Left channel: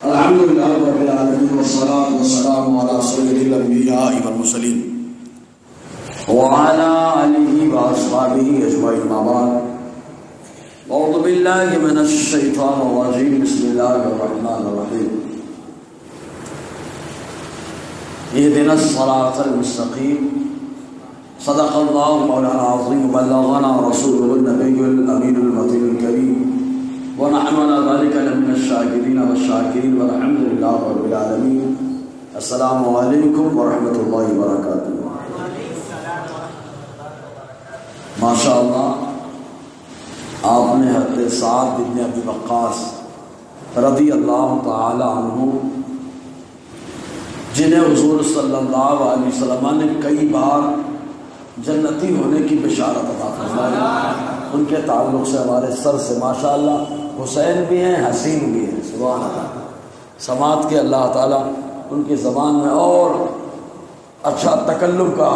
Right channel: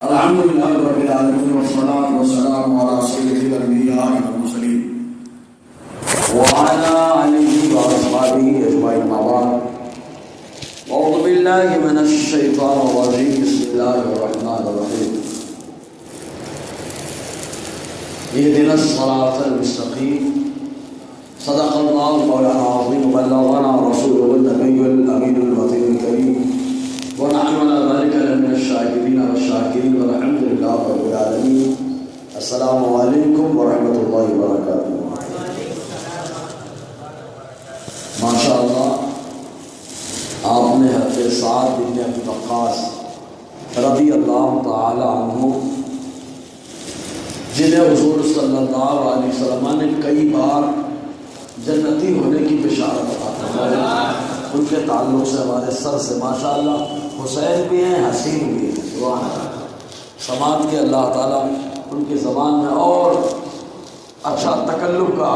الحمد لله رب العالمين والصلاة والسلام على سيد الأنبياء والمرسلين وعلى آله وأصحابه أجمعين أما بعد أعوذ بالله من الشيطان الرجيم بسم الله الرحمن الرحيم اهدنا الصراط المستقيم صدق الله مولانا العظيم وبلغنا رسوله النبي الأمين المطيع الكريم ونحن على ذلك من الشاكرين والشاكرين والحمد لله رب العالمين. السلام علیکم ورحمۃ اللہ وبرکاتہ. ماشاء اللہ آپ نے حضرت سعد بن ابی وقاص رضی اللہ تعالی عنہ جنہیں حضور صلی اللہ علیہ وسلم نے کئی بار جنتی ہونے کی بشارت عطا فرمائی، ان کے تعلق سے ہمارے سر سے ماشاءاللہ حسین بھی ہیں، حسین بھی ہیں. سبحان اللہ. سماعت کے اللہ تعالیٰ ان کی زبان میں اور اچھا تکلم کا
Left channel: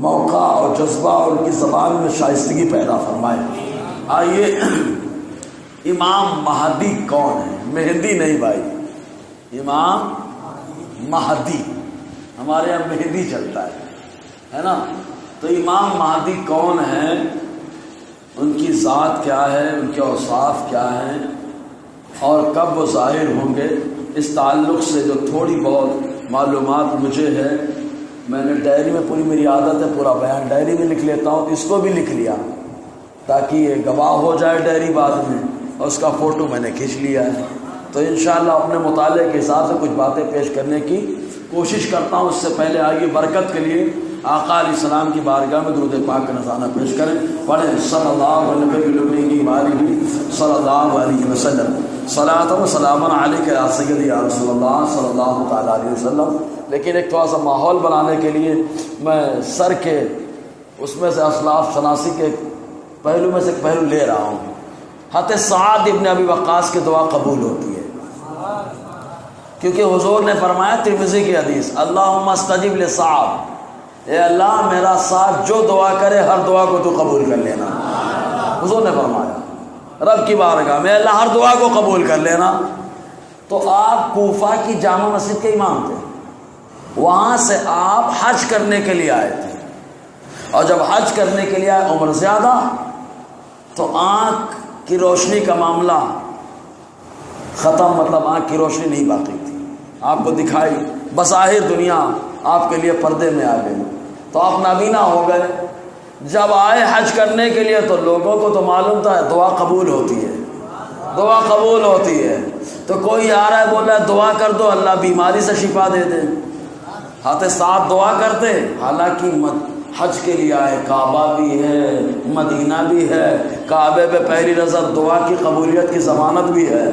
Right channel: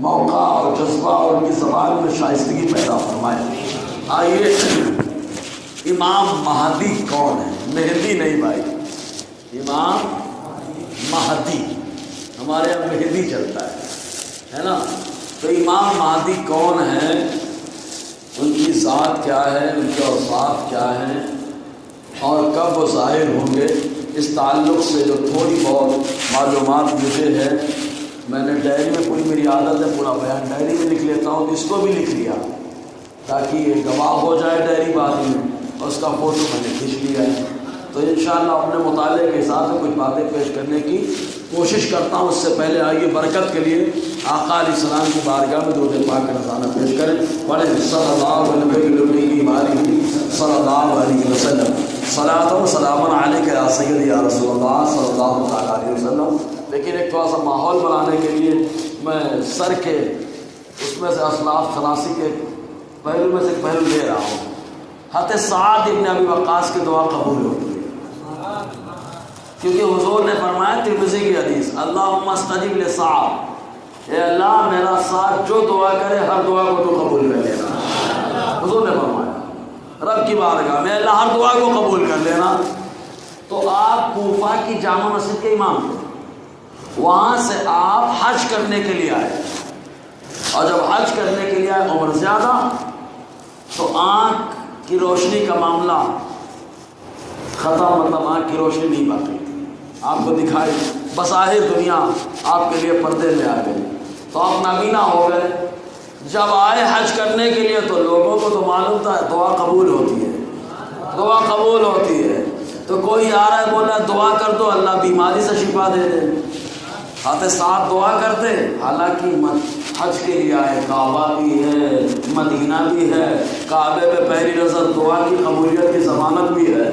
موقع اور جذبہ اور ان کی زبان میں شائستگی پیدا فرمائے. آئیے، امام مہدی کون ہے؟ مہدی نہیں بھائی، امام مہدی. ہمارے یہاں مہدی چلتا ہے نا. تو امام مہدی کون ہے، ان کی ذات کیا ہے، ان کے اوصاف کیا ہیں اور کب وہ ظاہر ہوں گے، اس تعلق سے جو تھوڑی بہت معلومات مجھے ہے. میں نے ڈائری میں، پوری میری عادت ہے پورا بیان ڈائری میں لکھ لیتا ہوں، اس کو بھی لکھ لیا تاکہ یہ گواہ ہو جائے ڈائری بعد میں، اور اس کا فوٹو میں نے کھینچ لیا ہے. تو انشاءاللہ اپنے مطالعے کے حساب سے کچھ باتیں پیش کرنے کی کوشش کرتا ہوں. اس سے پہلے آئیے برکت کے لیے آقا علیہ السلام کی بارگاہ میں درود پاک نذرانہ پیش کریں. پڑھیں صلی اللہ علیہ وسلم. صلاۃ و سلام علیک یا سید یا رسول اللہ صلی اللہ تعالیٰ علیہ وسلم. لیکن ایک تھوڑا سا ماحول بنانے کے لیے میں سر کے اس میں سے اسلاف شناسی کے پہلو میں سے پہلو لے رہا ہوں. حضرت سعد بن ابی وقاص کی دعا قبول ہوتی ہے، کیونکہ حضور نے فرمایا ترمذی کی حدیث، اللہم استجب لسعد، اے اللہ میرا ساتھ جو دعا کرے ہر دعا کو تو قبول کر لینا. حضور نے فرمایا رب کی بارگاہ میں اللہ ہر دعا کو قبول کر لینا. تو آپ کوفہ کی جامع مسجد کے امام تھے، وہاں سے آپ حج کرنے کے لیے آئے، اور جب حج کرنے کے لیے آئے عمر زیادہ، تو آنکھ کی روشنی کا معاملہ ختم، مطلب آنکھ کی روشنی نہیں باقی تھی. آپ کو دکھائی بظاہر دنیا آپ کے لیے پردے میں آ گئی، تو آپ نابینا ہو گئے. جب آئے حج کرنے کے لیے تو لوگوں کو تو معلوم تھا دعا قبول ہوتی ہے، دعا قبول ہوتی ہے. تو کوئی آ رہا ہے بول رہا ہے دعا کر دو اللہ بیماری سے شفا دے دے. آتے ساتھ دعا کرتے، حالانکہ حج کے لیے آئے، کعبہ بھی ہے، مدینہ بھی ہے، کعبے پہ پہلی نظر دعا کی قبولیت کی ضمانت بھی ہے.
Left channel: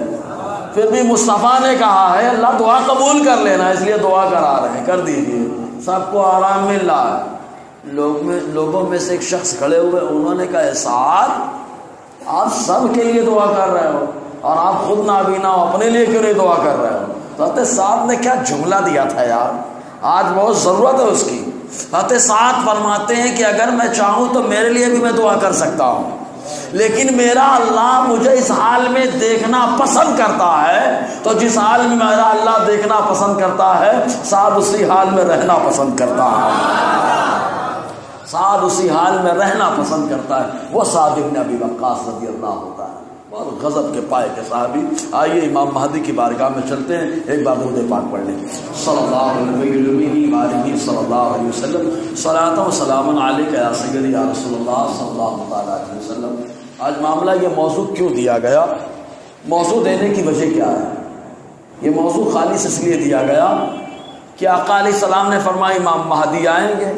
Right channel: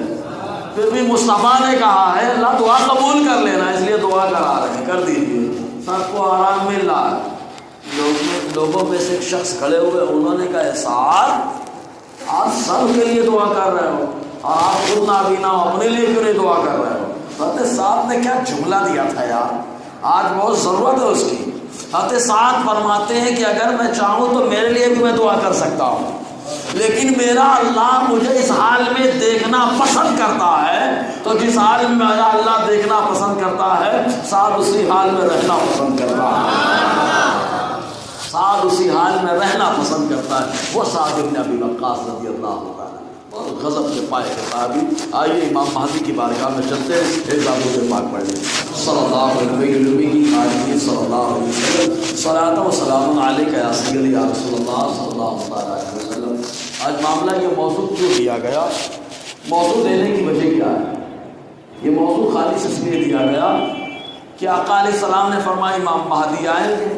پھر بھی مصطفیٰ نے کہا ہے اللہ دعا قبول کر لینا، اس لیے دعا کرا رہے ہیں، کر دیجیے. سب کو آرام مل رہا ہے. لوگوں میں سے ایک شخص کھڑے ہوئے، انہوں نے کہا احسان آپ سب کے لیے دعا کر رہے ہو اور آپ خود نابینا ہو، اپنے لیے کیوں نہیں دعا کر رہے ہو؟ حضرت سعد نے کیا جملہ دیا تھا یار، آج بہت ضرورت ہے اس کی. حضرت سعد فرماتے ہیں کہ اگر میں چاہوں تو میرے لیے بھی میں دعا کر سکتا ہوں، لیکن میرا اللہ مجھے اس حال میں دیکھنا پسند کرتا ہے. تو جس حال میں میرا اللہ دیکھنا پسند کرتا ہے، سعد اسی حال میں رہنا پسند کرتا ہے، سعد اسی حال میں رہنا پسند کرتا ہے. وہ سعد بن ابی وقاص رضی اللہ عنہ اور غضب کے پائے کے صحابی. آئیے امام مہدی کی بارگاہ میں چلتے ہیں، ایک درود پاک پڑھ لیں. صلی اللہ علیہ وسلم. صلاۃ و سلام علیک یا سید یا رسول اللہ صلی اللہ علیہ وسلم. آج معاملہ یہ موضوع کیوں دیا گیا، موضوع دینے کی وجہ کیا ہے؟ یہ موضوع خالص اس لیے دیا گیا کہ آقا علیہ السلام نے فرمایا امام مہدی آئیں گے،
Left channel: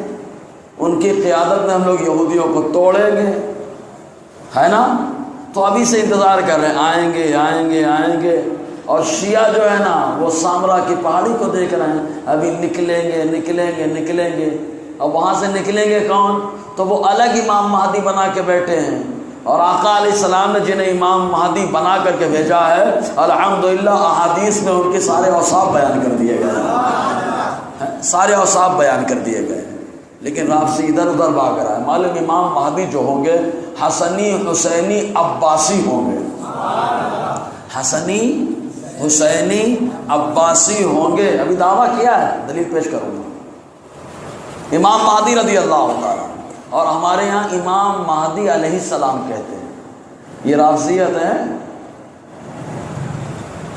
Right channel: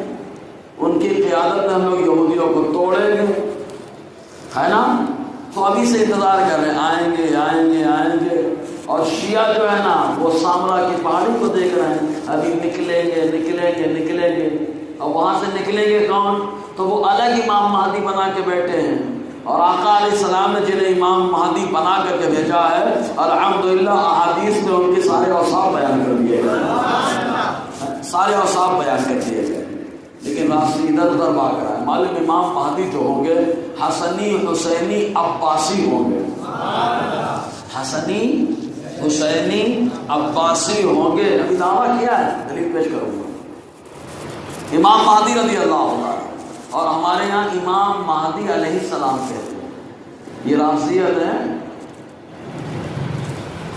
ان کی قیادت میں ہم لوگ یہودیوں کو توڑیں گے، ہے نا. تو ابھی سے انتظار کر رہے ہیں آئیں گے آئیں گے آئیں گے. اور شیعہ جو ہے نا وہ سامرا کی پہاڑی کو دیکھ رہے ہیں، ابھی نکلیں گے نکلیں گے نکلیں گے. اور وہاں سے نکلیں گے کون؟ تو وہ الگ امام مہدی بنا کے بیٹھے ہیں. اور آقا علیہ السلام نے جنہیں امام مہدی بنا کر کے بھیجا ہے، الحمدللہ احادیث میں ان کے سارے اوصاف بیان کر دیے گئے، سارے اوصاف بیان کر دیے گئے. لیکن رافضی ادھر ادھر بھاگ رہا ہے. معلوم امام مہدی جو ہوں گے حسنی حسینی عباسی ہوں گے. حسنی حسینی عباسی ہوں گے، ابھی دعویٰ کیا ہے، دلیل پیش کروں گا، امام مہدی رضی اللہ عنہ، اور ہمارے یہاں امام مہدی علیہ السلام کہتے ہیں، یہ رافضیت ہے۔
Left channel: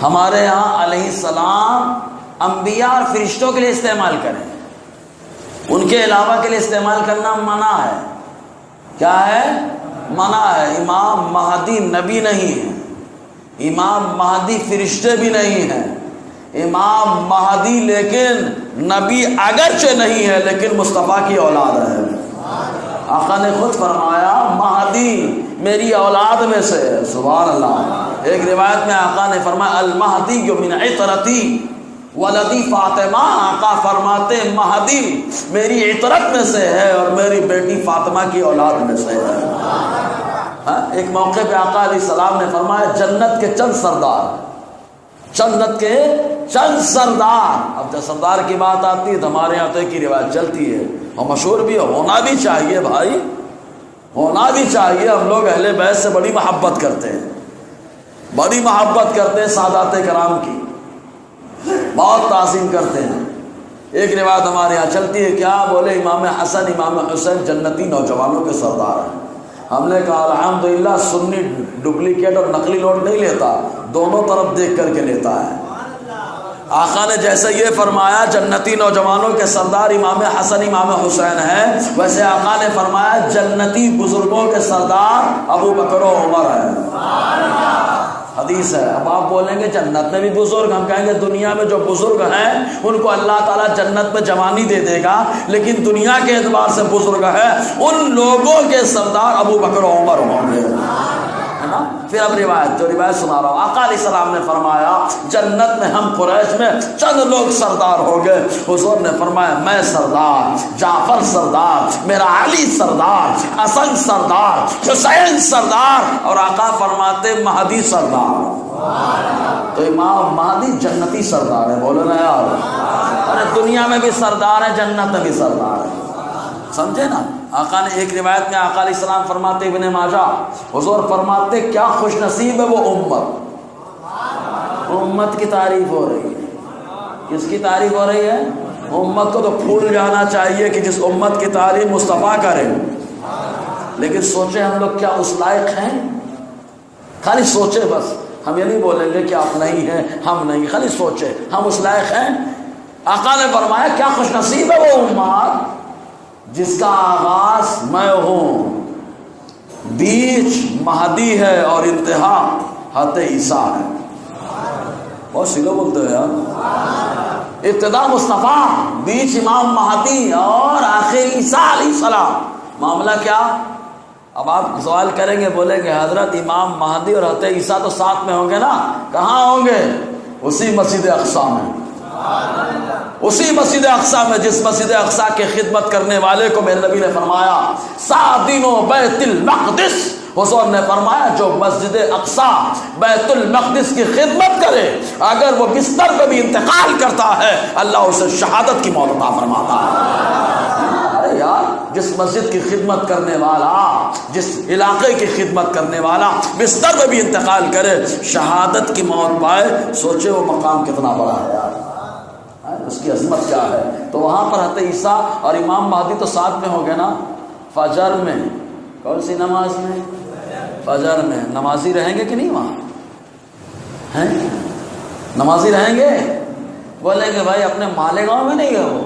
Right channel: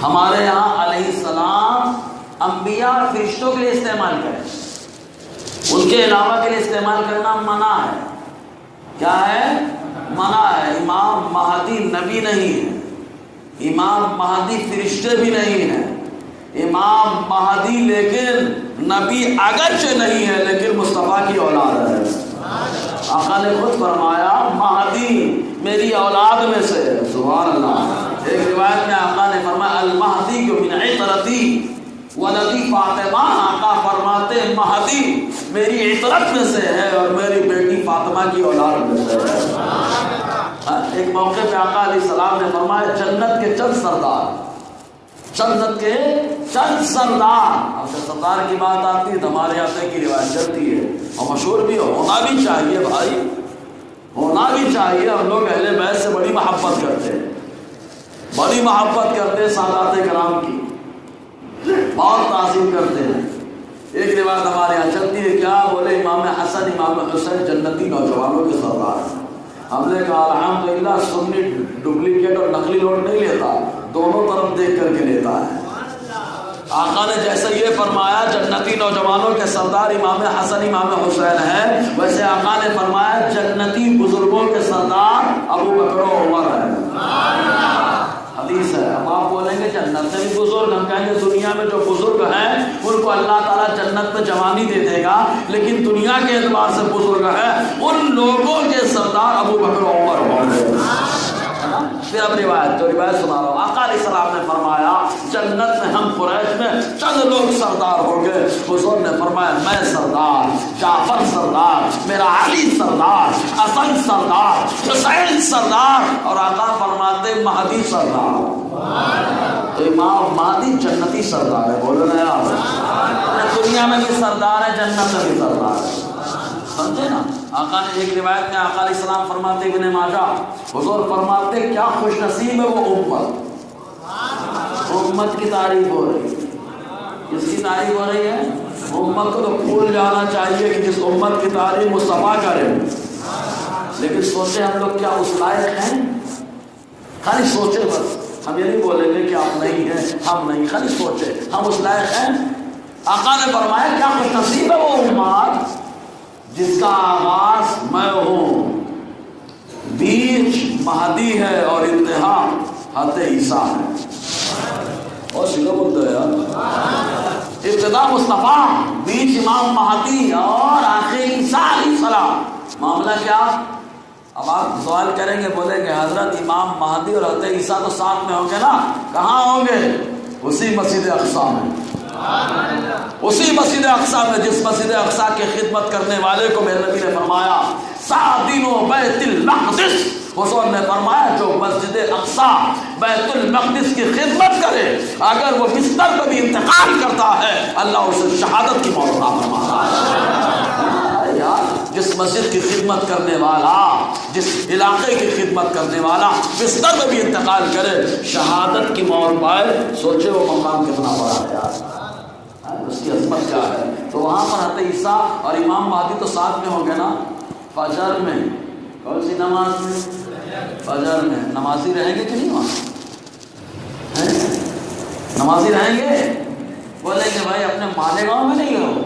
ہمارے یہاں علیہ السلام انبیاء اور فرشتوں کے لیے استعمال کریں، ان کے علاوہ کے لیے استعمال کرنا منع ہے۔ کیا ہے؟ منع ہے۔ امام مہدی نبی نہیں ہے، امام مہدی فرشتے بھی نہیں ہیں، امام مہدی لیکن نبی اگرچہ نہیں ہے لیکن مصطفیٰ کی اولاد ہے۔ آقا نے خود فرمایا مہدی میری اولاد میں سے ہے، سبحان اللہ۔ ایک روایت میں آقا نے فرمایا المہدی من عطرتی ولدی فاطمہ، آقا فرماتے مہدی میری عطرت میں سے ہے اور میری بیٹی فاطمہ کی اولاد میں سے ہے۔ ایک موقع پہ آقا علیہ السلام نے فرمایا جنت کے چند سردار، جنت کے چند سردار۔ اب جب سردار کی بات آتی ہے تو ہمارے یہاں کی روایت چلتی ہے اور مشہور بھی ہونا بھی چاہیے بھائی، ہونا بھی چاہیے۔ ہم لوگ اہل بیت سے بڑی محبت کرتے ہیں، بڑی محبت کرتے ہیں، سادات کرام کی بہت تعظیم کرتے ہیں۔ ایک روایت ہمارے یہاں چلتی ہے، کیا بولے امام حسن امام حسین جنتی نوجوانوں کے سردار ہیں۔ ہم نے کہا الحمدللہ سنی ڈپلیکیٹ اور نقلی نوٹ نہیں لیتا، دونوں طرف دیکھ کر کے لیتا ہے۔ آقا نے جیسے یہ فرمایا جنتی نوجوانوں کے سردار امام حسن امام حسین ہیں، ویسے آقا نے فرمایا جنتی بزرگوں کے سردار ابو بکر و عمر ہیں۔ حدیث ہے۔ اب آپ بولیں گے جنت میں بھی بزرگ، ہم کہیں گے دنیا میں جو بزرگ ہیں ان کو اللہ تعالیٰ جنت میں جوانی دے دے گا، لیکن دنیا کے اعتبار سے بزرگ ہے ان لوگوں کے سردار ابو بکر و عمر ہوں گے۔ پھر اب روایت سنا رہا ہوں۔ آقا علیہ السلام نے فرمایا جنت میں ہم قریش میں چند لوگ سردار ہو گئے۔ حضور نے فرمایا میں سردار، جعفر سردار، میرا علی سردار، حسن سردار، حسین سردار، اور آقا فرماتے مہدی سردار۔ تو امام مہدی جنتی سردار ہے، بولو نا یار، دنیا میں بھی سردار ہے، جنت میں بھی سردار ہے، سمجھے نا۔ آقا نے ایک روایت میں آقا علیہ السلام فرماتے ابن ماجہ، حضور فرماتے کیا خوش نصیب ہے وہ امت، امت کی تعریف ہو رہی ہے۔ کس کی تعریف ہو رہی ہے؟ امت کو تو بھول جانا چاہیے کہ جس امت کی تعریف مصطفیٰ کرے، لیکن سوچے ہم لوگ کیا اس لائق ہیں؟ خالی سوچے بس، ہم یہ نہیں بولیں گے کہ آپ نہیں ہیں ہم نہیں، خالی سوچے ہم اس لائق ہیں۔ آقا نے فرمایا کیا خوش نصیب ہے وہ امت جس کا آغاز میں ہوں، بیچ مہدی ہے اور انتہا حضرت عیسیٰ ہے۔ اور سیدھا بولتے ہیں یار، ابتدا مصطفیٰ، بیچ امام مہدی اور آخر عیسیٰ علیہ السلام۔ معاملہ کیا؟ اب آپ سوال کریں گے، بولیں گے حضرت امام مہدی اور حضرت عیسیٰ تو ساتھ میں ہوں گے نا، کہاں ہوں گے؟ اسی مسجد اقصی میں، اسی مسجد اقصی میں جس مسجد اقصی کے خدمت کرنے والے کو میرے نبی نے فرمایا سعدین و بیت المقدس، حضور نے فرمایا جو مسجد اقصی بیت المقدس کی خدمت کرے اگر وہ بستر پہ بھی انتقال کرتا ہے اللہ اسے شہادت کی موت عطا فرماتا ہے۔ یار جس مسجد کی خدمت کرنے والا، جس علاقے کی خدمت کرنے والا بستر پہ بھی انتقال کرے شہادت کی موت پائے، سوچے وہ مقام کتنا بڑا ہے یار، اس کی عظمت کیا ہے۔ تو وہاں پر حضرت عیسیٰ اور امام مہدی تو ساتھ میں ہو گئے نا، فجر میں، کون سی نماز میں؟ فجر میں۔ نمازی رہیں گے کہ نہیں وہاں؟ نمازی رہیں گے؟ بولیں گے بھائی اپنے مالیگاؤں میں نہیں ہو،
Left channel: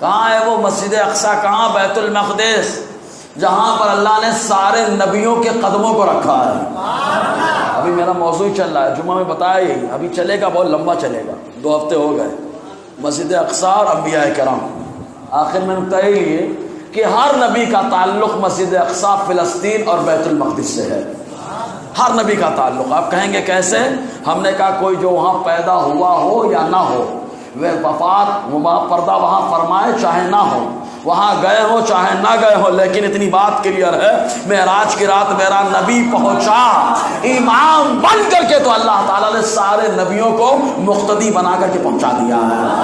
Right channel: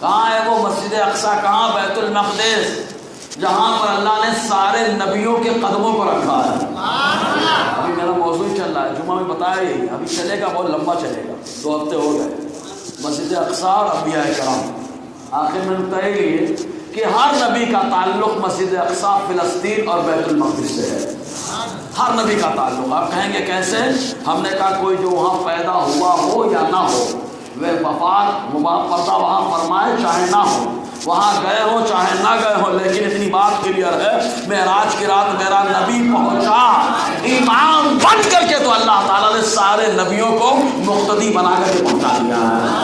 کہاں ہے وہ مسجد اقصی، کہاں بیت المقدس جہاں پر اللہ نے سارے نبیوں کے قدموں کو رکھا ہے۔ ابھی میرا موضوع چل رہا ہے، جمعہ میں بتایا ہی، ابھی چلے گا، بہت لمبا چلے گا، 2 ہفتے ہو گئے، مسجد اقصی اور انبیاء کرام۔ آخر میں طے لیے کہ ہر نبی کا تعلق مسجد اقصی، فلسطین اور بیت المقدس سے ہے، ہر نبی کا تعلق۔ آپ کہیں گے کیسے؟ ہم نے کہا کوئی جو وہاں پیدا ہوا ہو یا نہ ہو، وہ وفات پردہ وہاں فرمائے چاہے نہ ہو، وہاں گئے ہو چاہے نہ گئے ہو، لیکن اتنی بات کلیئر ہے معراج کی رات میرا نبی پہنچا امام بن کر کے، تو اللہ تعالیٰ نے سارے نبیوں کو مقتدی بنا کر کے پہنچا دیا ہے۔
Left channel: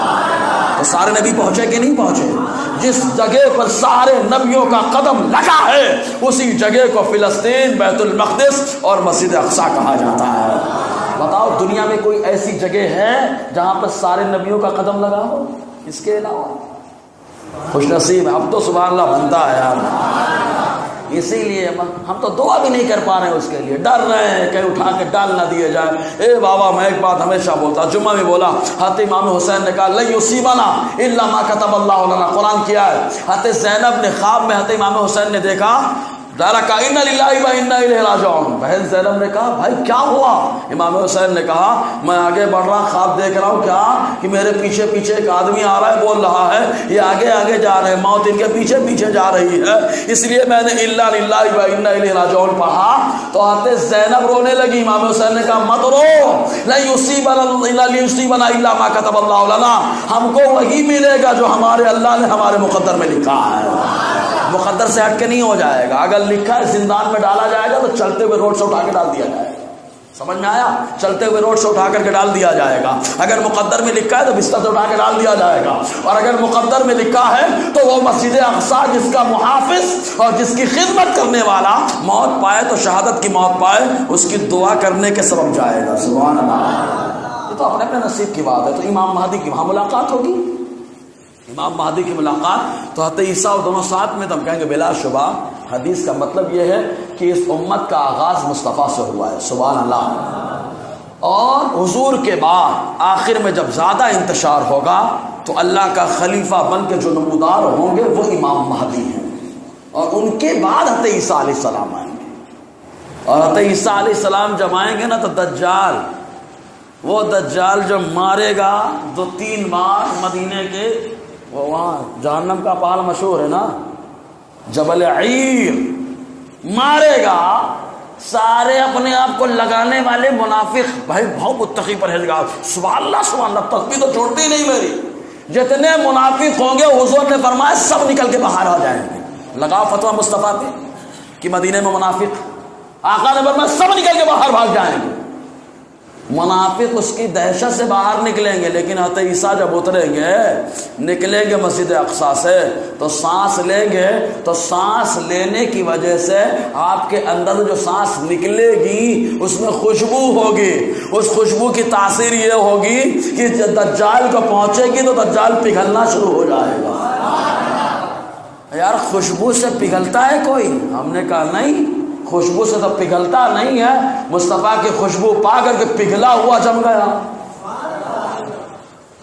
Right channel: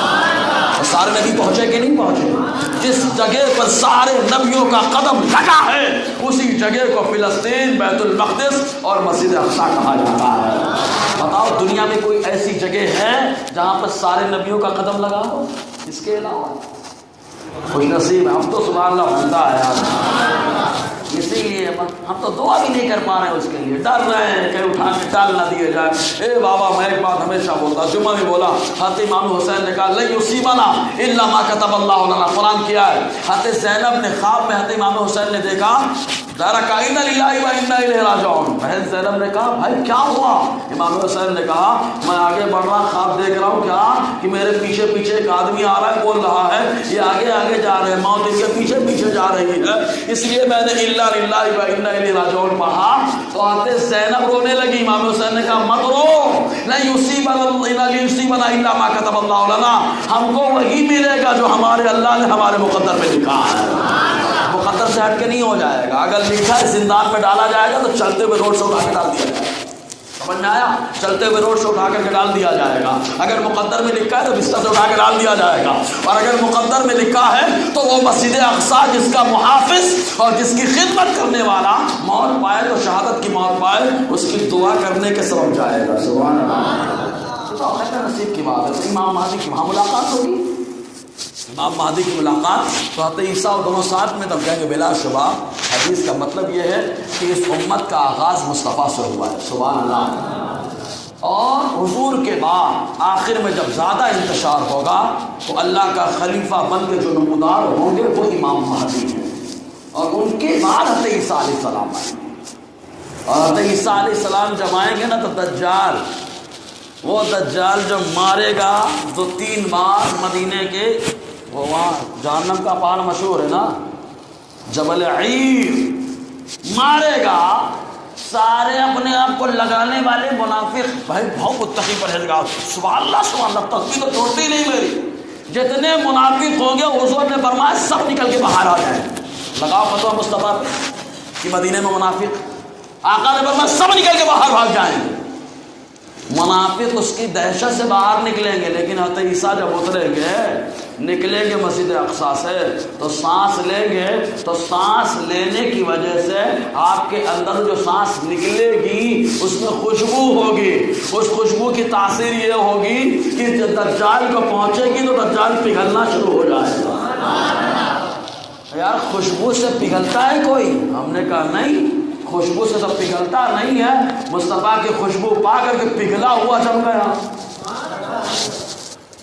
تو سارے نبی پہنچے کہ نہیں پہنچے؟ جس جگہ پر سارے نبیوں کا قدم لگا ہے اسی جگہ کو فلسطین، بیت المقدس اور مسجد اقصی کہا جاتا ہے۔ بتاؤ دنیا میں کوئی ایسی جگہ ہے جہاں پر سارے نبیوں کا قدم لگا ہو اس کے علاوہ؟ خوش نصیب ہم تو سبحان اللہ بنتا ہے آپ، اسی لیے ہم تو دعا بھی نہیں کر پا رہے ہیں اس کے لیے، ڈر رہے ہیں کہیں اٹھا کے ڈال نہ دیے جائے۔ اے بابا میں ایک بات ہمیشہ بولتا، جمعہ میں بولا، حضرت امام حسین نے کہا لن یصیبنا الا ما كتب اللہ لنا، قرآن کیا ہے؟ حضرت زینب نے خواب میں حضرت امام حسین نے دیکھا، ذرا کہا انا للہ و انا الیہ راجعون۔ بہن زینب نے کہا بھائی کیا ہوا؟ امام حسین نے کہا میں آگے بڑھ رہا، خواب دیکھ رہا ہوں کیا کہ میرے پیچھے پیچھے ایک آدمی آ رہا ہے، بول رہا ہے یہ آگے آگے جا رہے ہیں، موت ان کے پیچھے پیچھے جا رہی ہے، اس لیے میں نے الا للہ و انا الیہ راجعون پڑھا۔ تو حضرت زینب رونے لگی، امام حسین نے کہا مت رو، لن یصیبنا الا ما كتب اللہ لنا، ہم کو وہی ملے گا جو ہمارے اللہ نے ہمارے مقدر میں لکھا ہے، مقدر سے ہٹ کے نہیں ہو جائے گا۔ اگر لکھا ہے زندان میں ڈالا جائے گا تو چلتے ہوئے روڈ سے اٹھا کے ڈال دیا جائے گا، سمجھ میں آیا؟ چلتے ہوئے روڈ سے اٹھا کر کے ڈال دیا جائے گا۔ اگر مقدر میں لکھا ہے تو بستر سے اٹھا کے ڈال دیا جائے گا، اور اگر مقدر میں لکھا ہے تو وہ مسجد اقصی جس کا محافظ اور جس کی خدمت کرنے والا موت پائے تو شہادت کی موت پائے، اس کی دعا کرنے کے سبب جائے گا۔ سبحان اللہ، یہ تو اللہ کا نصیب کی بات ہے۔ تو امام مہدی کی وہاں ملاقات ہوگی، امام مہدی کی ملاقات تو حضرت عیسیٰ اور دونوں ساتھ میں، تو کہیں گے بلا شبہ حدیث کا مطلب یہ ہے کہ اس امت کا آغاز مصطفیٰ سے ہوا ہے۔ سبحان اللہ۔ اور حضور کے بعد آخر میں جب زیادہ انتشار ہوگا تو اللہ کا خلیفہ بن کے جو نمودار ہوں گے وہ امام مہدی ہیں، اور ان کے بعد حضرت عیسیٰ علیہ السلام آئیں گے۔ اور حضرت عیسیٰ علیہ السلام جب آئیں گے نا تو دجال، وہ دجال جب مارے گا تو 3 بار مدینے کے وہاں جہنم کا پہاڑ مشہور ہے نا جبل عیر، مارے گا، سارے اپنے آپ کو لگانے والے منافق، بھائی بہت متقی پرہیزگار، سبحان اللہ سبحان اللہ، تسبیح تو چھوڑتی نہیں میری، جتنے منافق ہوں گے حضور نے فرمایا سب نکل کے باہر آ جائیں۔ لگا فتویٰ مصطفیٰ پہ کہ مدینے میں منافق، آقا نے فرمایا سب نکل کے باہر بھاگ جائیں گے۔ منافق اس کی دہشت سے باہر نکلیں گے، لیکن حضرت عیسیٰ جب اتریں گے، نکلیں گے مسجد اقصی سے تو سانس لیں گے، تو سانس لینے کی وجہ سے آپ کے اندر جو سانس نکلے گی اس میں خوشبو ہوگی، اس خوشبو کی تاثیر یہ ہوگی کہ جب دجال کو پہنچے گی تو دجال پگھلنا شروع ہو جائے گا۔ یار خوشبو سے پگھلتا ہے کوئی؟ ہم نے کہا نہیں، خوشبو سے تو پگھلتا نہیں ہے، مصطفیٰ کی خوشبو پا کر کے پگھلا ہوا جم گیا۔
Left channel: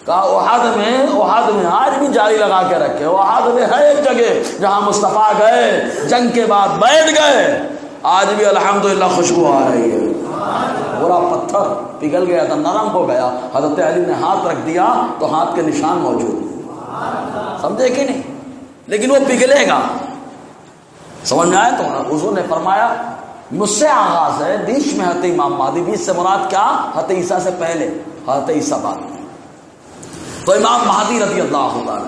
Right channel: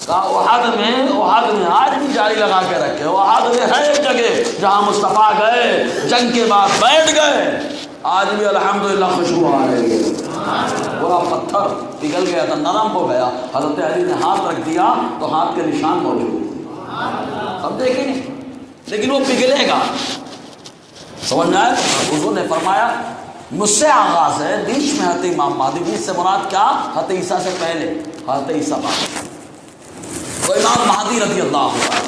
احد میں آج بھی جاری لگا کے رکھے، احد میں ہے ایک جگہ جہاں مصطفیٰ گئے، جنگ کے بعد بیٹھ گئے، آج بھی الحمدللہ خوشبو آ رہی ہے۔ پورا پتھر پگھل گیا تھا، نرم ہو گیا، حضرت علی نے ہاتھ رکھ دیا تو ہاتھ کے نشان موجود، سمجھے کہ نہیں؟ لیکن وہ پگھلے گا، سمجھ میں آیا؟ تو حضور نے فرمایا مجھ سے آغاز ہے، بیچ میں حضرت امام مہدی، بیچ سے مراد کیا؟ حضرت عیسیٰ سے پہلے حضرت عیسیٰ بعد، تو امام مہدی رضی اللہ عنہ۔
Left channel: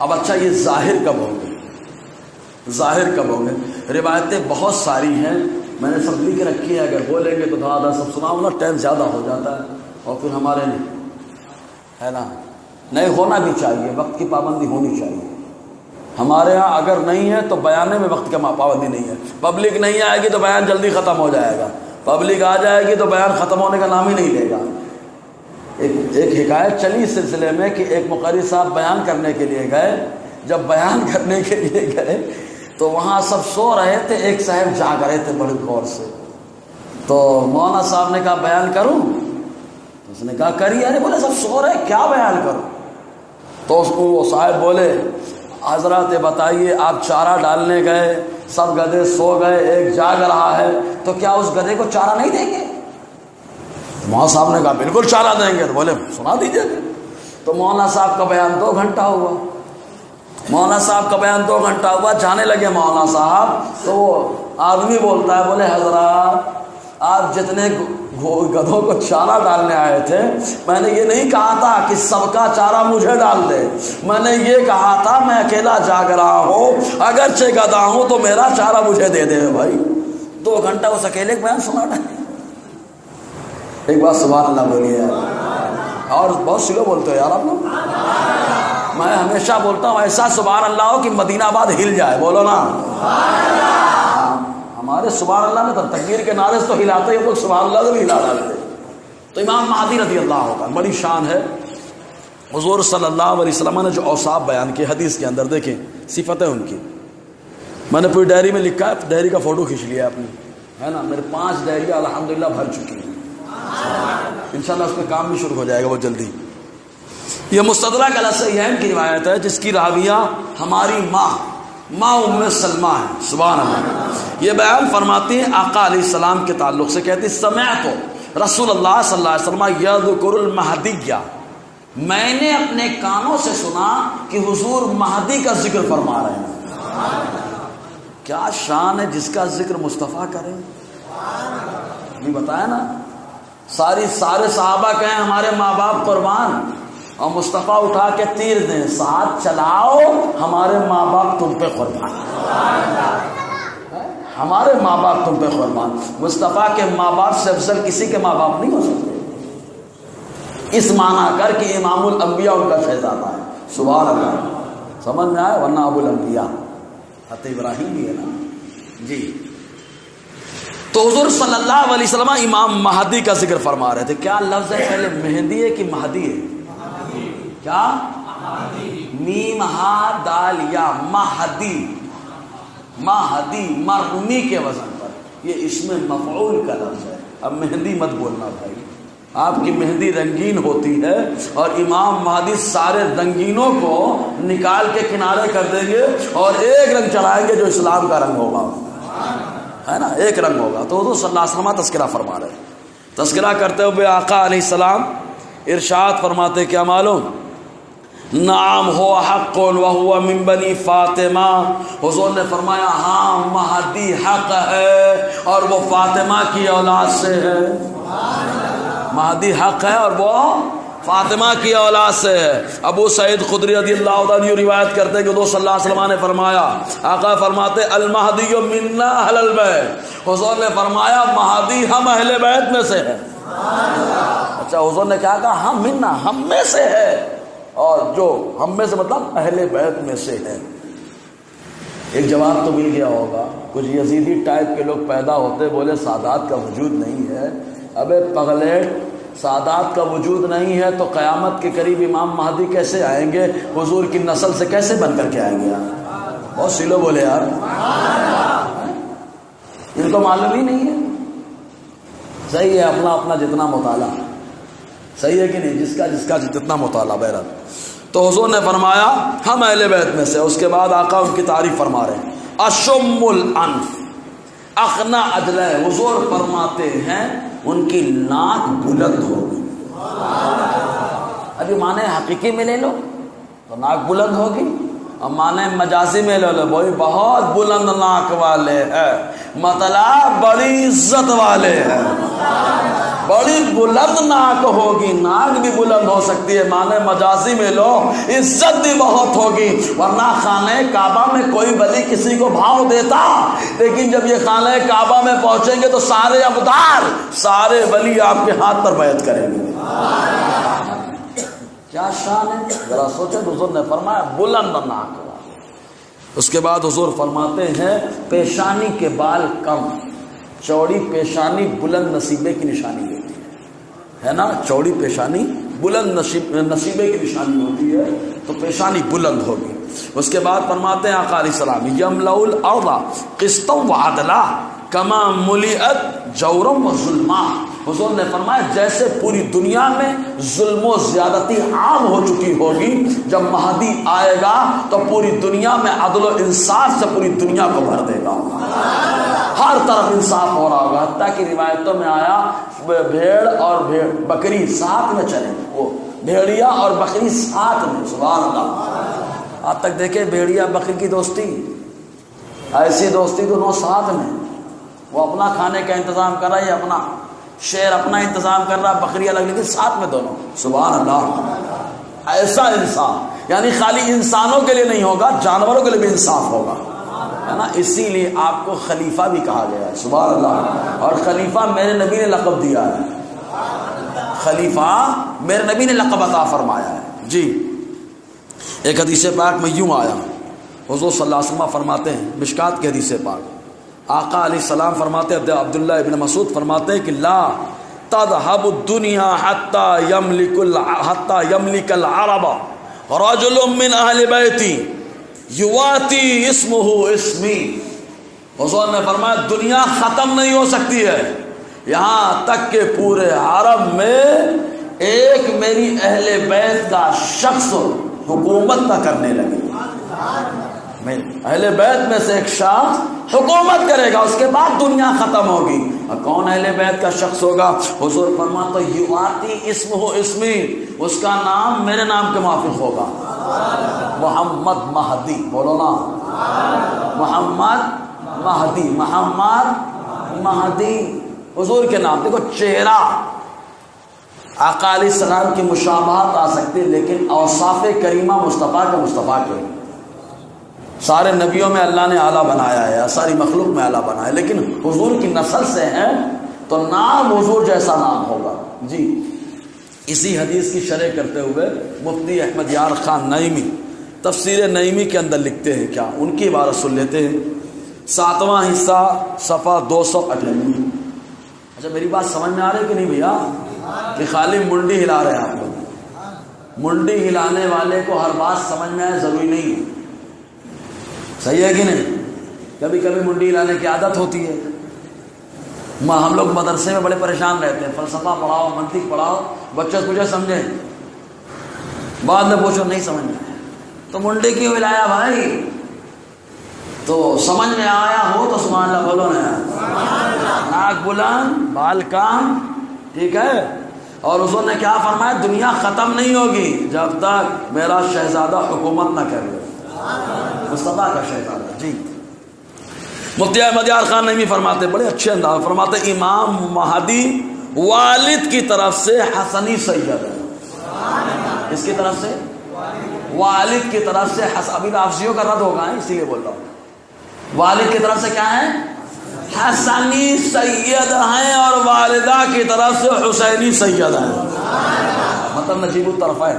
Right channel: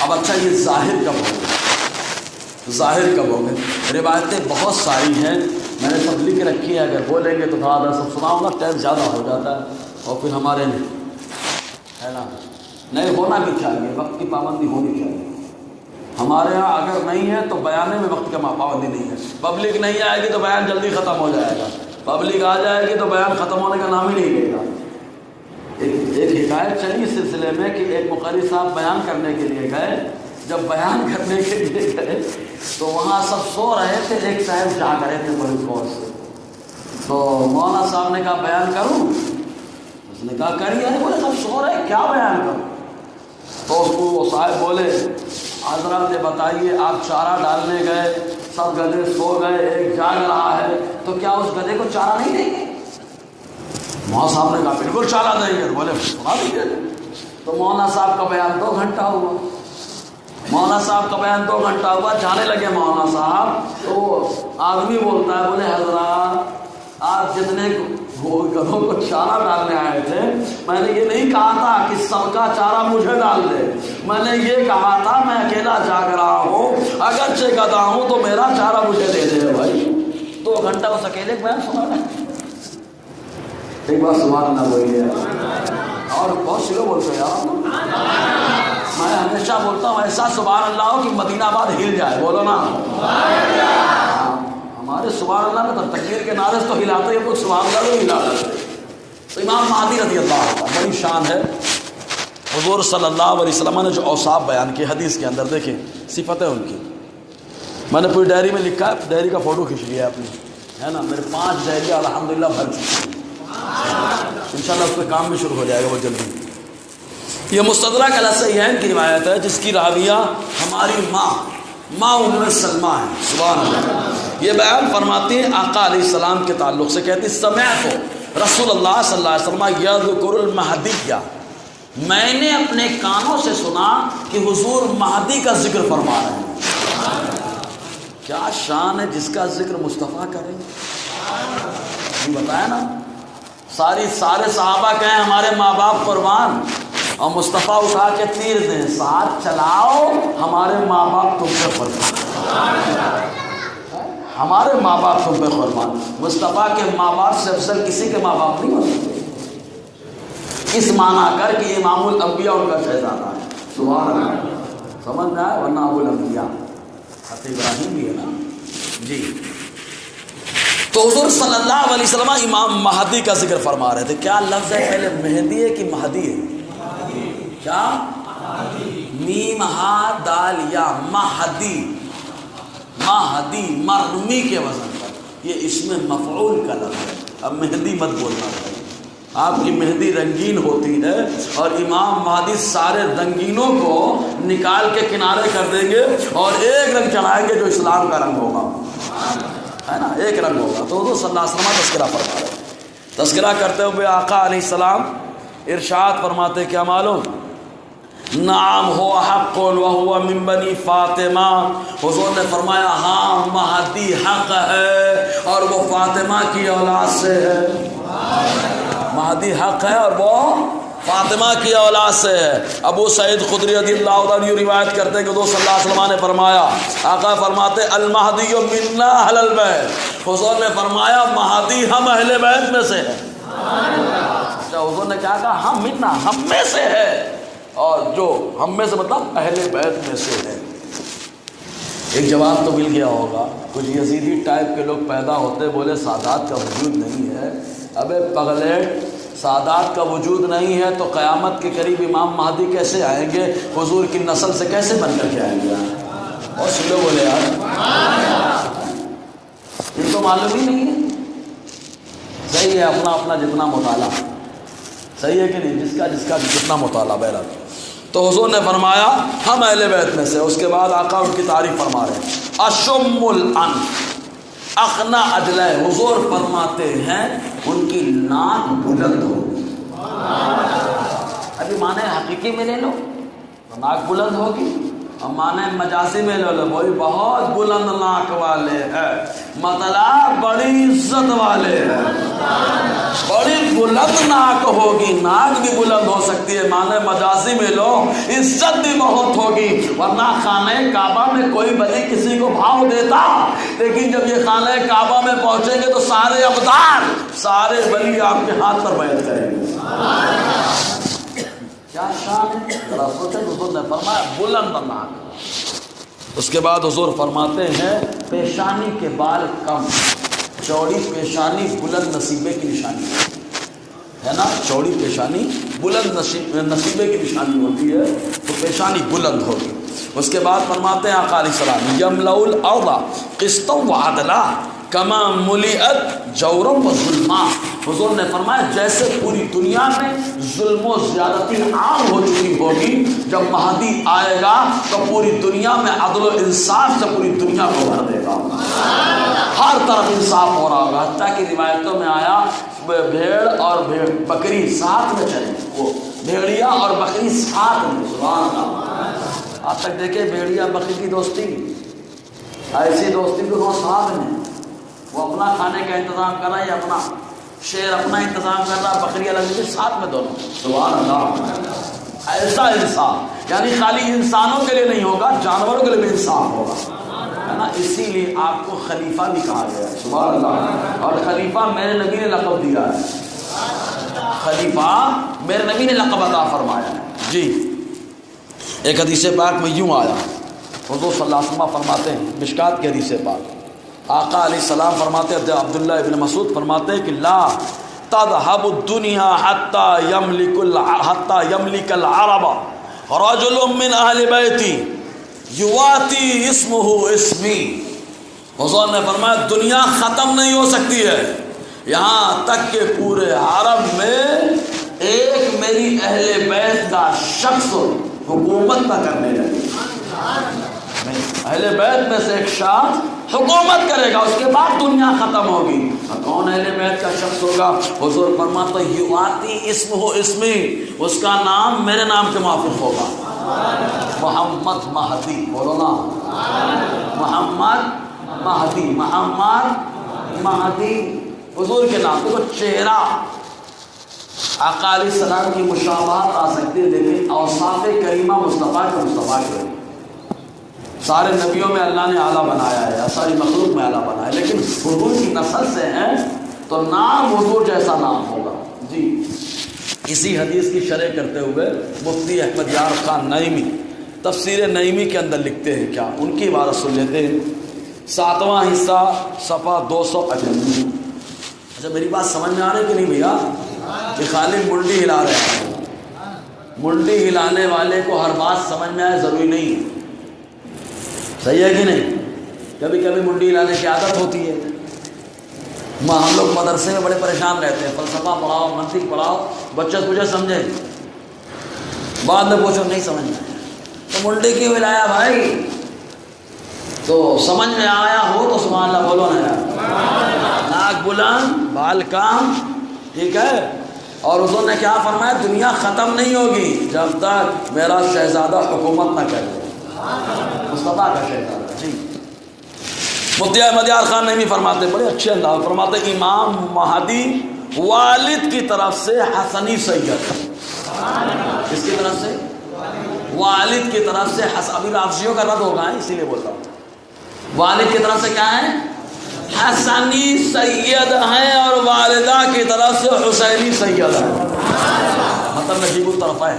اب اچھا یہ ظاہر کب ہوگا؟ ظاہر کب ہوگا؟ روایتیں بہت ساری ہیں، میں نے سب لکھ رکھی ہے، اگر بولیں گے تو تھوڑا سا سناؤں گا، ٹائم زیادہ ہو جاتا ہے اور پھر ہمارے ہے نا نہیں ہونا بھی چاہیے، وقت کی پابندی ہونی چاہیے۔ ہمارے ہاں اگر نہیں ہے تو بیانے میں وقت کا پابندی نہیں ہے، پبلک نہیں آئے گی تو بیان جلدی ختم ہو جائے گا، پبلک آ جائے گی تو بیان ختم ہونے کا نام ہی نہیں لے گا۔ ایک حکایت چلی اس سلسلے میں کہ ایک مقرری صاحب بیان کرنے کے لیے گئے، جب بیان کرنے کے لیے گئے تو وہاں سب سو رہے تھے، ایک صاحب جاگ رہے تھے بڑی غور سے، تو مولانا صاحب نے کہا بیان کروں؟ اس نے کہا کریے۔ ارے بولے سب سو رہے کیا بیان کروں؟ تو اس کو وہ صاحب بولے حضرات بتائیے آپ چارہ ڈالنے گئے، سب گدھے سو گئے، ایک جاگ رہا ہے، تو کیا اس گدھے کو چارہ نہیں دیں گے؟ مولانا صاحب نے کہا بالکل چارہ دیں گے۔ بولے سنا دیجیے۔ تو مولانا صاحب کا بیان 2 گھنٹہ ہوا، مولانا صاحب کا بیان 2 گھنٹہ ہوا، جانے لگے مولانا صاحب، تو وہ آدمی بولتا ہے، بولے حضرات آپ جتنے گدھوں کو چارہ ڈالنے آئے تھے، میں نے یہ نہیں کہا تھا کہ سب کا چارہ مجھے ڈال دے، میں نے یہ کہا تھا میں اکیلا جاگ رہا ہوں، اگرچہ گدھا ہوں تو میرا چارہ مجھے دے دے بھائی۔ 2 گھنٹہ اس اکیلے بیان سنا رہے۔ ایک بات سبحان اللہ بولیے، اور بہت سی لوگ بولتے ہیں یار، میں ہمیشہ بولتا ہوں ایسا سبحان اللہ ہو کہ مدینہ آباد ہل جائے، بولو نا ہمارے سبحان اللہ میں تو تکبیر کے نعرے سے تو ہلاتے ہیں لوگ، سبحان اللہ لوگ ہلا رہے تھے، تو امام مہدی رضی اللہ عنہ بڑی شان ہے. حضور صلی اللہ علیہ وسلم نے جو اوصاف بیان کی حدیث کے اندر دیکھیں صفتیں ان کی، میں نے پوری ڈائری میں لکھا ہے، ڈائری کا فوٹو کھینچ لیا اپنی، ہے نا. میرے 5 ڈائریاں الحمدللہ بھر چکی ہیں، انشاءاللہ اس پہ کام بھی شروع ہو جائے گا وہ جلدی. یہ مستدرک علی الصحیحین کی روایت ہے جس کی راویہ ہماری ماں ام سلمہ ہے. سبحان اللہ. یہ بیان فرماتے ہیں آقا علیہ السلام کے تعلق سے، کہتے ہیں سمعت رسول اللہ صلی اللہ علیہ وسلم یذکر المہدیہ، میں نے اپنے کانوں سے سنا کہ حضور مہدی کا ذکر فرما رہے ہیں. کیا شان ہے جس کا ذکر مصطفیٰ کرے. یہ بتایا نا، سارے صحابہ کہیں ہمارے ماں باپ قربان، اور مصطفیٰ اٹھا کے تیر دیں، ساتھ چلاؤ ہمارے ماں باپ تم پہ قربان، ہمارے ماں باپ تم پہ قربان. مصطفیٰ کے ماں باپ سے افضل کسی کے ماں باپ نہیں ہو سکتے، اس معنی کر کے امام الانبیاء ان کا فیضانہ ہے. سبحان اللہ. سمجھ میں آیا؟ ورنہ ابو الانبیاء حضرت ابراہیم بھی ہے نا. جی تو حضور صلی اللہ علیہ وسلم امام مہدی کا ذکر فرما رہے تھے. کیا لفظ ہے پہلے، مہدی ہے کہ مہدی ہے؟ کیا؟ میم ہا دال یا مہدی، مہدی مرمی کے وزن پر، یہ اسم مفعول کا لفظ ہے. اب مہدی مت بولنا چاہیے، آپ کی مہندی رنگین ہوتی ہے اور امام مہدی سارے رنگینوں کو نکال کے کنارے کر دیں گے اور ایک رنگ چڑھائیں گے جو اسلام کا رنگ ہوگا، ہے نا، ایک رنگ ہوگا. تو حضور صلی اللہ علیہ وسلم تذکرہ فرما رہے. تذکرہ کرتے ہوئے آقا علیہ السلام ارشاد فرماتے کیا معلوم، نعم ہو حق وہو من بنی فاطمہ. حضور نے فرمایا ہاں مہدی حق ہے اور وہ فاطمہ کی اولاد سے ہے. مہدی حق ہے اور وہ فاطمہ کی اولاد سے ہے. ابو سعید خدری رضی اللہ عنہ روایت کرتے کہ حضور صلی اللہ علیہ وسلم نے فرمایا، آقا فرماتے المہدی منا اہل البیت. حضور نے فرمایا مہدی ہم اہل بیت میں سے ہے. اچھا حضور نے کیا کہا؟ ہم منا، ہم میں سے ہے، اور جو ہم میں سے مطلب اہل بیت میں سے ہے. ایک جواب تو مل گیا ہوگا. کچھ یزیدی ٹائپ کے لوگ پیدا ہوتے بولے سادات کا وجود نہیں ہے. ابے پگلیٹ، سادات کا وجود نہیں ہے تو قیامت کے قریب امام مہدی کیسے آئیں گے؟ حضور کی نسل سے کیسے بن کر کے آئیں گے؟ اور سلو بولے یار، ان کو معلوم ہی نہیں ہے. صحیح ہے، اپنا اپنا جتنا مطالعہ صحیح ہے کہ نہیں، جس کا جتنا مطالعہ بہرحال. تو حضور نے فرمایا ہم اہل بیت میں سے. اس کے بعد آقا ان کی تعریف فرما رہے ہیں، اشم الانف اخنا ادلہ. حضور فرماتے ہیں ان کی ناک بلند ہوگی. ابھی معنی حقیقی میں لے لو تو ناک بلند ہوگی، اور معنی مجازی میں لے لو بھائی بہت بلند ناک والے ہیں، مطلب بڑی عزت والے ہیں، بڑی بلند ناک ہوگی. ناک بھی بلند ہو سکتی ہے، معنی مجازی میں لو عزت بھی بہت ہوگی. ورنہ خانہ کعبہ میں کوئی ولی کسی کو بھاؤ دیتا، لیکن جب یہ خانہ کعبہ میں پہنچیں گے تو سارے ابدال، سارے ولی آپ کے ہاتھ پر بیعت کریں گے. کیا شان ہے، ذرا سوچیں. حضور نے فرمایا بلند ناک. اس کے بعد حضور فرماتے ہیں پیشانی کے بال کم، چوڑی پیشانی بلند نصیبے کی نشانی ہے نا. چوڑی پیشانی بلند نصیبے کی نشانی ہوتی ہے، تو پیشانی بلند ہوگی. اس کے بعد فرماتے ہیں آقا علیہ السلام یملأ الارض قسطا وعدلا کما ملئت جورا و ظلما. حضور نے فرمایا جیسے پوری دنیا میں ظلم و زیادتی عام ہو چکی ہوگی، جب مہدی آئے گا تو پوری دنیا میں عدل و انصاف سے پوری دنیا کو بھر دے گا. ہر طرف انصاف ہو رہا ہوگا. حتیٰ کہ روایتوں میں آیا بھیڑ اور بکری ساتھ میں چلیں، وہ بھیڑیا اور بکری ساتھ میں. سبحان اللہ. آج تک دیکھے بھیڑیا بکری کی دوستی، ایسی دوستی تو وہ ساتھ میں، وہ اپنا کھانے کا انتظام کر رہا ہے، اپنا شیر اپنا انتظام کر رہا، بکری الگ نہیں، ساتھ میں دونوں. سبحان اللہ. ایسا انصاف یعنی خالی انسانوں کے لیے نہیں ہوگا، جانوروں کے لیے بھی انصاف ہوگا، ہے نا. اسی لیے آپ کو خلیفہ بھی کہا گیا ہے. سبحان اللہ. اور خلیفہ میرے نبی نے لقب دیا ہے، خلیفہ میرے نبی نے لقب عطا فرمایا ہے. جی ایک حدیث پاک میں یوں آیا، حضور صلی اللہ علیہ وسلم فرماتے ہیں، مشکات کی حدیث پاک، آقا علیہ السلام فرماتے ہیں، عبداللہ ابن مسعود فرماتے ہیں کہ لا تذهب الدنيا حتى يملك العرب رجل من اهل بیتی یواتی اسمہ اسمی. حضور نے فرمایا دنیا ختم نہیں ہو سکتی ہے یہاں تک کہ پورے عرب میں ایک میری اہل بیت کا شخص حکومت نہ کرنے لگے. اہل بیت میں سے ایک شخص حکومت کرے گا, اس کے بعد دنیا ختم ہوگی. کون اہل بیت کا شخص ہوگا؟ حضور فرماتے یواتی اسمہ اسمی, اس کا نام میرے نام کے موافق ہوگا. محمد مہدی. بولو نا محمد مہدی. محمد مہدی حضور کے نام. دیکھو چہرہ آقا علیہ السلام کی مشابہت آ سکتی ہے, لیکن اوصاف کریمہ مصطفیٰ کے سارے نبیوں میں اللہ نے اعلیٰ بنایا ہے, ساری مخلوق میں اعلیٰ بنایا ہے, لیکن حضور کی نسل سے ہے تو نام حضور جیسا نام ہوگا. جی اسی حدیث کی شرح کرتے ہوئے مفتی احمد یار خان نعیمی تفسیر نعیمی کے اندر لکھتے ہیں, کیا ان کی عبارت سن لیتے ہیں. 7واں حصہ صفحہ 298. اچھا میری بات سمجھ میں آ رہی کہ نہیں بھیا؟ کہ خالی منڈی ہلا رہے ہیں. منڈی ہلانے والے کو ہر بات سمجھ میں آئے ضروری نہیں ہے. صحیح ہے کہ نہیں؟ کبھی کبھی منڈی ہلانے کی عادت ہوتی ہے. ہم لوگ مدرسے میں بڑے پریشان رہتے ہیں, فلسفہ پڑھاؤ, منطق پڑھاؤ, بچے تجھے سمجھے, بعد میں پوچھو نہیں سمجھ تو منڈی کیوں ہلایا بھائی؟ تو سمجھ میں آیا ہو تو سبحان اللہ بولو نا. ناک بلند بال کام, ٹھیک ہے. اور حضور نے کیا فرمایا؟ دنیا ختم نہیں ہوگی جب تک میرا شہزادہ حکومت نہ کرے. مصطفیٰ کا شہزادہ. جی مفتی احمد یار خان نعیمی فرماتے, بڑے اچھے انداز فرماتے, امام مہدی والد کی طرف سے حسنی سید. کس کی طرف سے؟ والد کی طرف سے. ابھی لافظیوں کا رد ہوگا اسی لیے بولتا ہوں. والد کی طرف سے کیا ہے؟ حسنی سید ہیں, اور والدہ کی طرف سے حسینی سید ہیں. مطلب نجیب الطرف ہے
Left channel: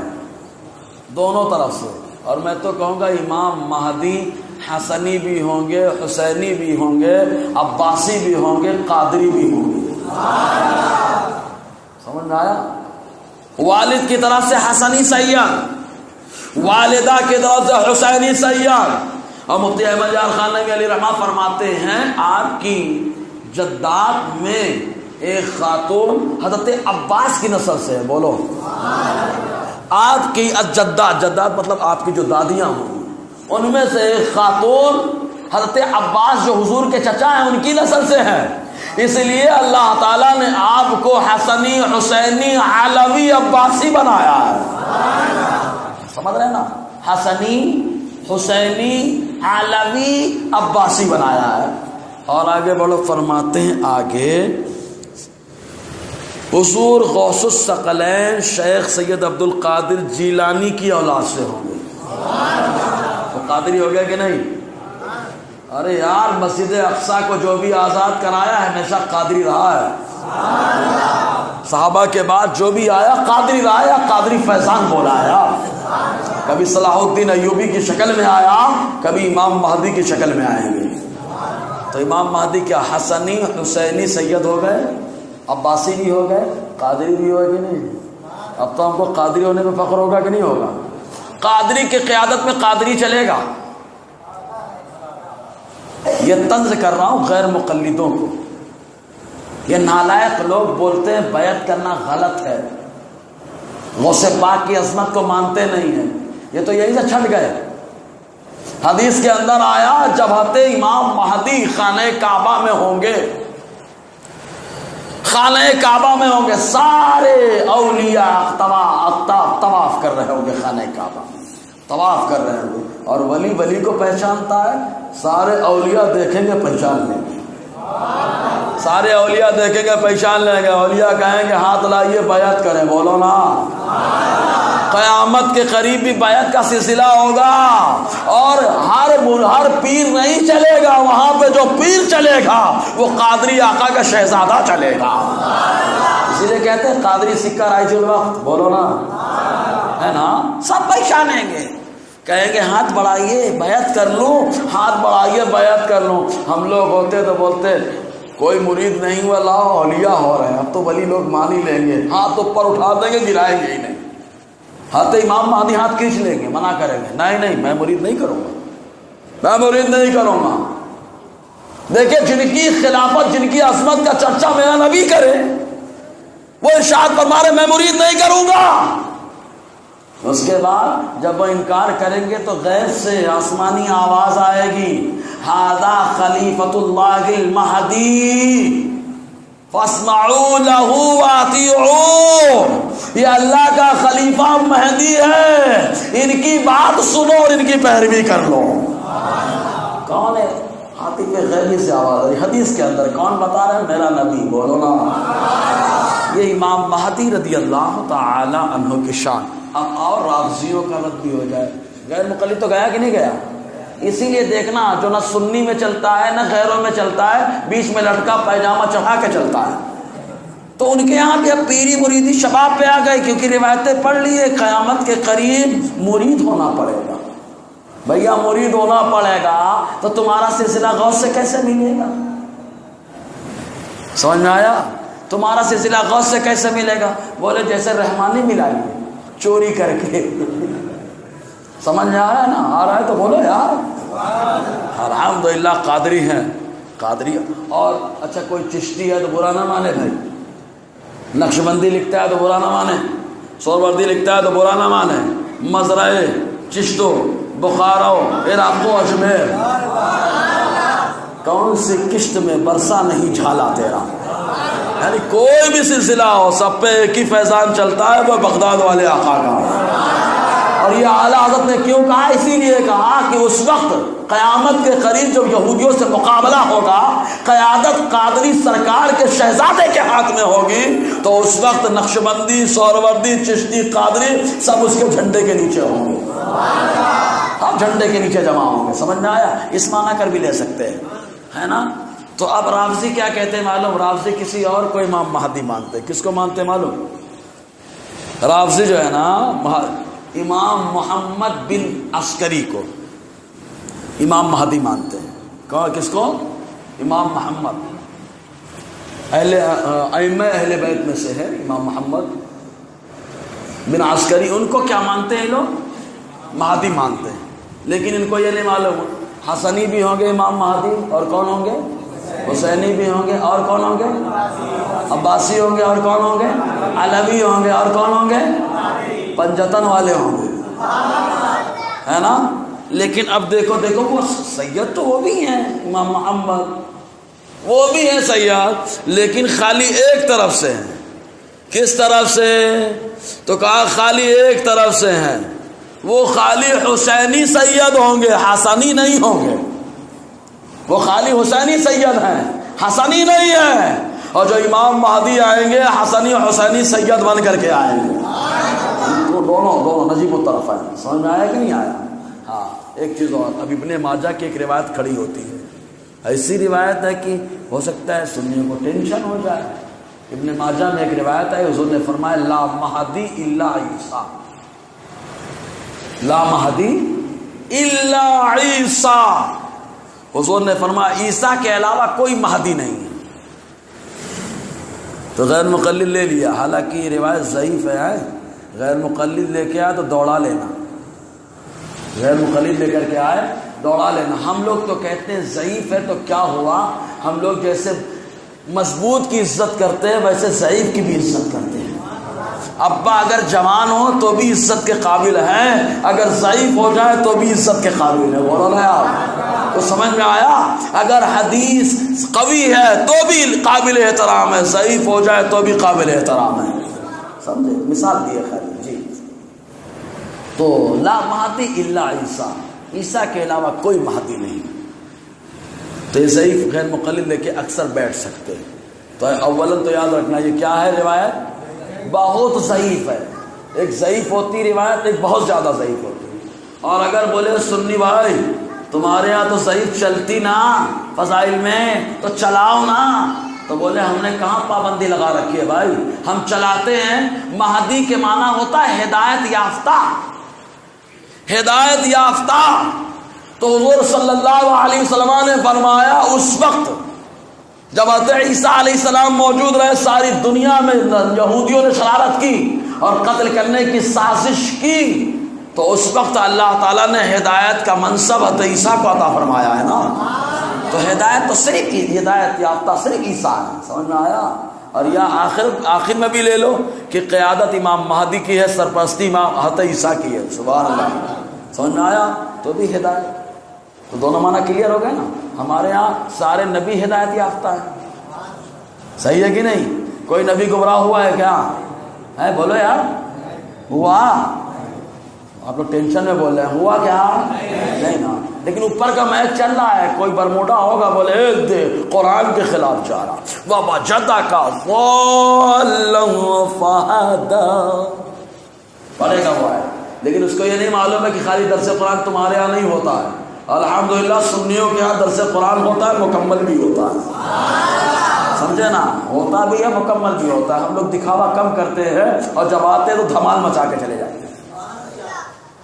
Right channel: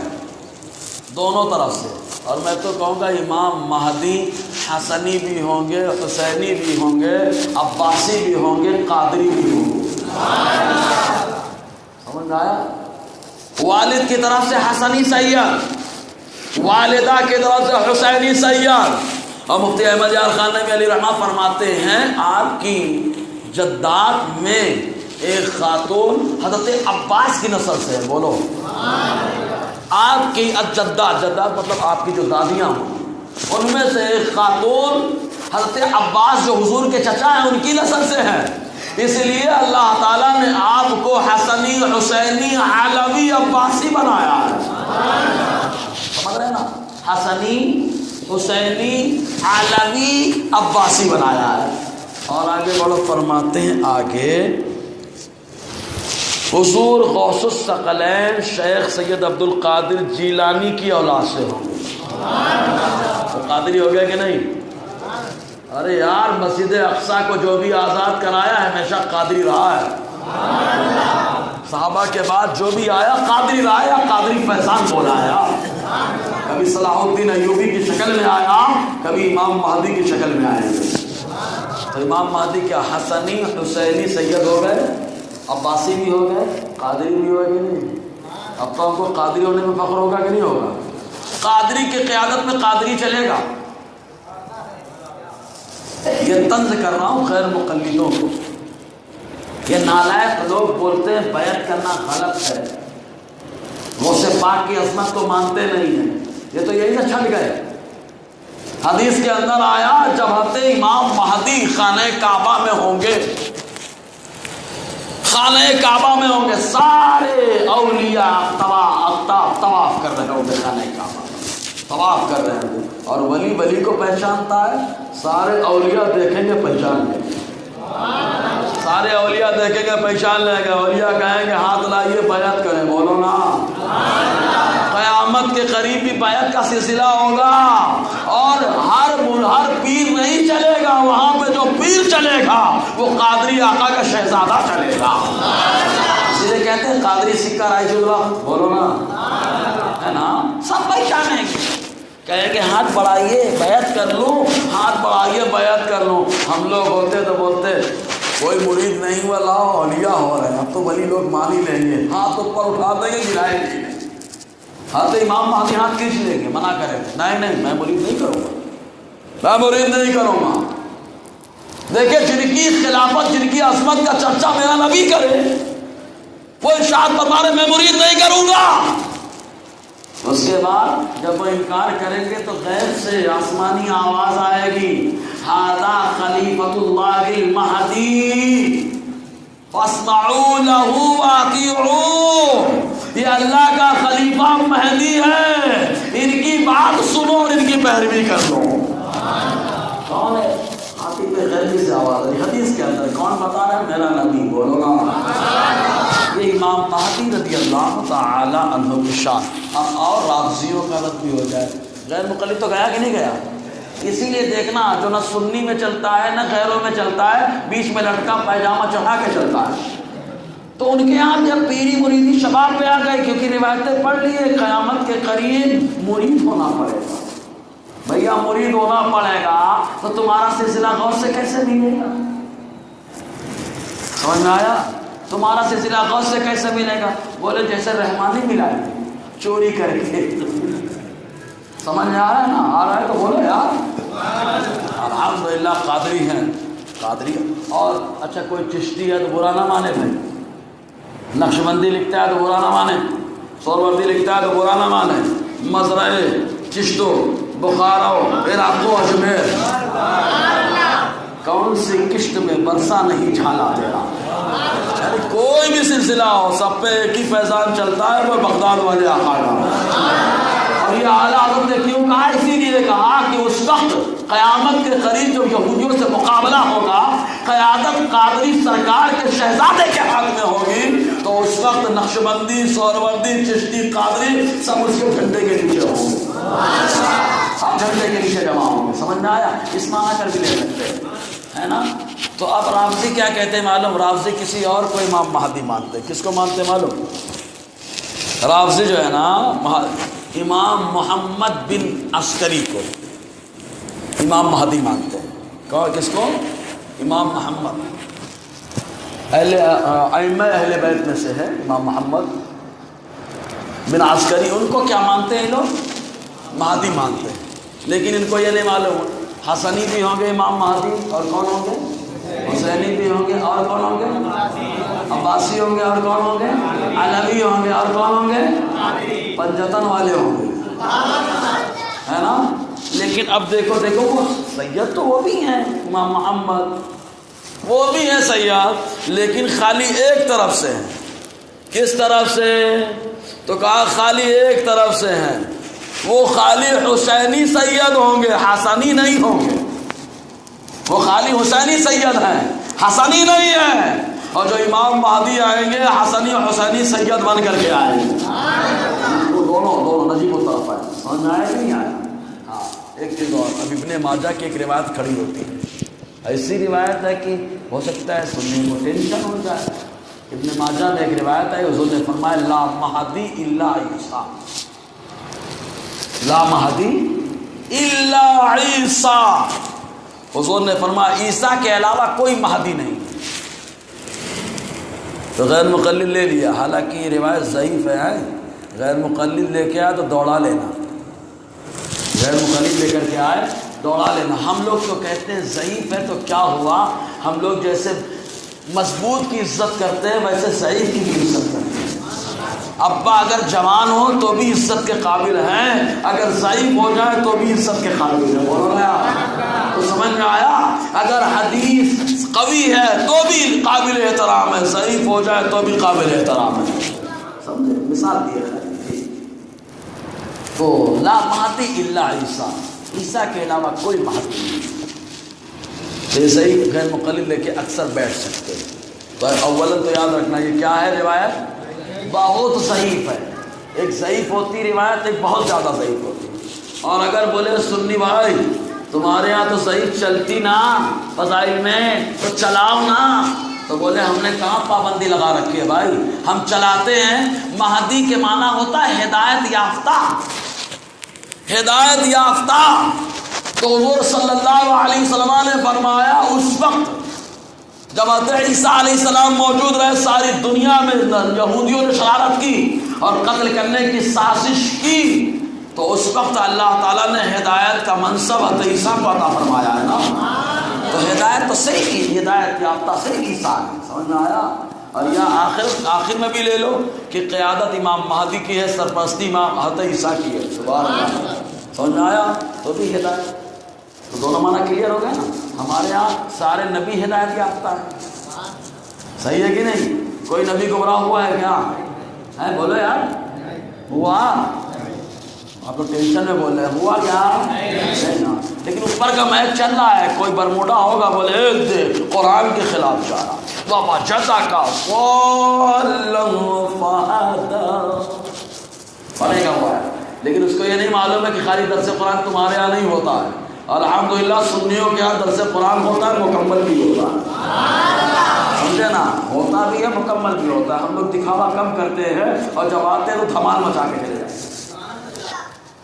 دونوں طرف سے. اور میں تو کہوں گا امام مہدی حسنی بھی ہوں گے, حسینی بھی ہوں گے, عباسی بھی ہوں گے, قادری بھی ہوں گے. سمجھ آیا؟ والد کی طرف سے حسنی سید, والدہ کی طرف سے حسینی سید. اور مفتی احمد یار خان نبی علیہ رحمہ فرماتے ہیں آپ کی جدات میں ایک خاتون حضرت عباس کی نسل سے. بولو آپ کی جدات مطلب آپ کی جو دادیاں ہیں ان میں سے ایک خاتون حضرت عباس جو حضور کے چچا ہیں ان کی نسل سے ہے. اس لیے اللہ تعالیٰ نے آپ کو حسنی, حسینی, علوی, عباسی بنایا ہے. سمجھ رہے نا؟ حسنی, حسینی, علوی, عباسی بنایا ہے. اور آگے بڑھو فرماتے ہیں آگے حضور غوث الثقلین شیخ سید عبد القادر جیلانی کی اولاد سے ہوں گے. تو قادری ہو گیا کہ نہیں؟ ارے یار مسجد اقصی کو جو بھی آزاد کرایا ہمیشہ قادری رہا ہے. صحابہ کے بعد جو بھی آیا قادری رہا ہے, قادری فیضان بولا ہے. کبھی صلاح الدین ایوبی کی شکل میں آیا, کبھی امام مہدی کی شکل میں آئیں گے. تو امام مہدی کیا حسنی, حسینی سید ہو گئے, عباسی بھی ہو گئے, قادری بھی ہوئے کہ نہیں؟ اب تو ہم کو قادری ہونے میں فخر ہوگا کہ نہیں ہوگا؟ قادری کی قیادت میں قادری چلے گا. یہ طنز کر رہا ہوں غیر مقلدوں کو. یہ نالائق لوگ بولتے ہیں بیعت کرنا غلط ہے, غوث پاک کی عظمت کو مانتے نہیں ہیں. یہ تو یہی سے چھٹ گئے. حدیث کے اندر آیا جب حضرت امام مہدی خانہ کعبہ میں ہوں گے, خانہ کعبہ میں ہوں گے, سارے اولیاء طواف کر رہے ہوں گے, خانہ کعبہ طواف کر رہے ہوں گے. اور ولی ولی کو پہچانتا ہے, سارے اولیاء دیکھیں گے پہچان لیں گے. سارے اولیاء دیکھیں گے پہچان لیں گے. اولیاء کہیں گے ہاتھ لائیے بیعت کریں. بولو نا. قیامت کے قریب بھی بیعت کا سلسلہ ہوگا, اور ہر پیر نہیں چلے گا, وہاں پہ جو پیر چلے گا وہ قادری آقا کا شہزادہ چلے گا. اس لیے کہتے ہیں قادری سکہ رائج اللہ. بولو نا, ہے نا؟ سب پہچانیں گے, کہیں گے ہاتھ بڑھائیے بیعت کر لوں, ہاتھ بڑھائیے بیعت کر لوں. ہم لوگ ہوتے تو بولتے کوئی مرید نہیں ہوا، لاؤ اولیاء ہو رہے ہیں، اب تو ولی لوگ مان ہی لیں گے، ہاتھ اوپر اٹھا دیں گے، گرائیں گے ہی نہیں، ہاں تو امام مہدی ہاتھ کھینچ لیں گے، منع کریں گے، نہیں میں مرید نہیں کروں گا، میں مرید نہیں کروں گا۔ دیکھیں جن کی خلافت، جن کی عظمت کا چرچا میرا نبی کرے، وہ ارشاد فرما رہے میں مرید نہیں کروں گا۔ اس کے بعد جب وہ انکار کریں گے تو غیر سے آسمانی آواز آئے گی، ھذا خلیفۃ اللہ المہدی فاسمعوا لہ واطیعوا، یہ اللہ کا خلیفہ مہدی ہے، ان کی بات سنو اور ان کی پیروی کر لو۔ کون ہے؟ عاطف غیبی سے آواز ہے حدیث کے اندر، کون بتا رہا ہے؟ میرا نبی، بولو نا۔ یہ امام مہدی رضی اللہ تعالی عنہ کی شان۔ اور رافضیوں کا رد بھی ہو جائے، غیر مقلد تو گیا کہ نہیں گیا؟ اسی لیے دیکھنا جو نہ سنی میں چلتا ہے نہ غیروں میں چلتا ہے، بیچ میں لڑکا پائجامہ چڑھا کے چلتا ہے، تو ان کے یہاں بھی اب پیری مریدی شباب پہ آ گئی، کیونکہ روایتیں پڑھ لیے قیامت کے قریب مرید ہونا پڑے گا۔ بھیا مرید ہونا پڑے گا تو تمہارا سلسلہ غوث سے کیسے ملے گا؟ سمجھ میں آیا؟ تمہارا سلسلہ غوث سے کیسے ملے گا؟ بولے جیسے رحمانی ملا چوری کر کے، سمجھ میں آ رہا ہے نا؟ آ رہا ہے تو بولو یار۔ الحمدللہ قادری ہیں، قادری، اور اچھا کوئی چشتی ہے تو برا نہ مانے بھائی، نقشبندی لکھتا ہے تو برا نہ مانے، سہروردی لکھتا ہے تو برا نہ مانے، مزرعے، چشتو، بخارو، عراقو، اجمیر، کون سی قسط میں برسا نہیں جھالا تیرا، یعنی کوئی بھی سلسلہ ہو سب پہ ایک ہی فیضان چلتا ہے، وہ بغداد والے آقا کا۔ اور یہ اعلیٰ حضرت نے کیوں کہا؟ اسی لیے کہا کہ اس وقت قیامت کے قریب جب یہودیوں سے مقابلہ ہوگا، قیادت قادری سرکار کے شہزادے کے ہاتھ میں ہوگی، تو اس وقت نقشبندی، سہروردی، چشتی، قادری سب اس کے جھنڈے کے نیچے ہوں گے، سب جھنڈے کے نیچے جمع ہوں گے۔ سمجھ میں آیا؟ اس میں آ کر بھی لے سکتے ہے نا۔ تو اب رافضی کیا کہتے ہیں معلوم؟ رافضی کسی اور کو امام مہدی مانتے، کس کو مانتے معلوم؟ رافضی جو ہے نا امام محمد بن عسکری کو امام مہدی مانتے ہیں۔ کس کو؟ امام محمد، ائمہ اہل بیت میں سے ہے امام محمد بن عسکری، ان کو کیا مانتے ہیں لوگ؟ مہدی مانتے ہیں، لیکن ان کو یہ نہیں معلوم حسنی بھی ہوں گے امام مہدی، اور کون ہوں گے؟ حسینی بھی ہوں گے، اور کون ہوں گے؟ عباسی ہوں گے، اور کون ہوں گے؟ علوی ہوں گے، اور کون ہوں گے؟ پنجتن والے ہوں گے، ہے نا۔ لیکن اب دیکھو وہ سید تو وہ بھی ہیں، امام محمد وہ بھی ہیں سید، لیکن خالی ایک طرف سے ہیں۔ کس طرف سے؟ تو کہا خالی ایک طرف سے ہیں، وہ خالی حسینی سید ہوں گے، حسنی نہیں ہوں گے، وہ خالی حسینی سید ہیں، حسنی نہیں ہیں۔ اور جو امام مہدی آئیں گے حسنی حسینی سید بن کر کے آئیں گے، وہ دونوں نجیب الطرف آئیں۔ سمجھ آیا کہ نہیں آیا؟ ہاں، ایک چیز اور، اب ابن ماجہ کی ایک روایت کھڑی ہوتی ہے، ایسی روایت ہے کہ ہو سکتا ہے سننے کو ٹینشن ہو جائے۔ ابن ماجہ میں ایک روایت ہے، حضور نے فرمایا لا مہدی الا عیسیٰ، لا مہدی الا عیسیٰ، حضور نے فرمایا عیسیٰ کے علاوہ کوئی مہدی نہیں ہے۔ تو غیر مقلد لے لیا، حالانکہ یہ روایت ضعیف ہے، غیر مقلد لے کے آئے تو دوڑا لینا، غیر مقلد لے کر کے آئے دوڑا لینا۔ ہم لوگ تو کہتے ہیں ضعیف ہے تو کیا ہوا، ہم لوگ جیسے مضبوط کی عزت کرتے ہیں ویسے ضعیف کی بھی عزت کرتے ہیں۔ ابا اگر جوان ہو تو بھی عزت کے قابل ہیں، اگر ضعیف ہو جائے تو بھی عزت کے قابل ہے، بولو نا۔ تو سمجھ میں آیا؟ اگر حدیث قوی ہے تو بھی قابل احترام ہے، ضعیف ہو جائے تو بھی قابل احترام ہے، سمجھے؟ مثال دی ہے جی۔ تو لا مہدی الا عیسیٰ، عیسیٰ کے علاوہ کوئی مہدی نہیں۔ تو یہ ضعیف غیر مقلد لے کے اکثر بیٹھ سکتے ہیں۔ تو اولا تو یاد رکھنا یہ کیا ہے روایت؟ بہت ضعیف ہے، ایک ضعیف ہوتی روایت، ایک بہت زیادہ ضعیف ہوتی۔ اور اگر بولے سنی بھائی تمہارے یہاں تو ضعیف چلتی نا فضائل میں، تو چلاؤ نا، تو بولے ہم نے کہاں پابندی لگا رکھی ہے بھائی، ہم چلاتے ہیں۔ مہدی کے معنی ہوتا ہے ہدایت یافتہ، ہدایت یافتہ۔ تو حضور صلی اللہ علیہ وسلم نے فرمایا اس وقت جب حضرت عیسیٰ علیہ السلام موجود رہے ساری دنیا میں یہودیوں نے شرارت کی اور قتل کرنے کی سازش کی، تو اس وقت اللہ تعالیٰ نے ہدایت کا منصب حضرت عیسیٰ کو عطا فرمایا ہے نا۔ تو ہدایت تو صرف کی ہدایت یافتہ صرف عیسیٰ ہے، سمجھ میں آیا؟ اور یا آخر میں بھی لے لو کہ قیادت امام مہدی کی ہے، سرپرستی امام حضرت عیسیٰ کی ہے، سبحان اللہ، سمجھ میں آیا؟ تو بھی ہدایت، تو دونوں معنی کلیئر ہو گئے نا۔ ہمارے ہاں سارے نبی ہدایت یافتہ ہے، صحیح ہے کہ نہیں؟ کوئی نبی گمراہ ہوا ہے کیا ہے؟ بولو یار، ہوا؟ آپ لوگ ٹینشن میں بول رہے ہیں، ہوا کیا؟ نہیں نا، لیکن اوپر کا میچ چل رہا ہے، کوئی برموڈا ہوگا بولے ایک دے قرآن کے خلاف جا رہا، بابا جدا کا پڑھے گا ہوا ہے، لیکن اس کو یہ نہیں معلوم ہے کہ خالی درس قرآن تمہارے یہاں نہیں ہوتا ہے، الحمدللہ سنیوں کے یہاں درس قرآن ہوتا ہے، مکمل بھی ہوتا ہے، سمجھے نا؟ ہوتا بھی ہے، مکمل بھی ہوتا ہے۔ ہم لوگ دکھاوا کم کرتے ہیں اور جب آتے ہیں تو دھمال مچا کے چلے جاتے ہیں۔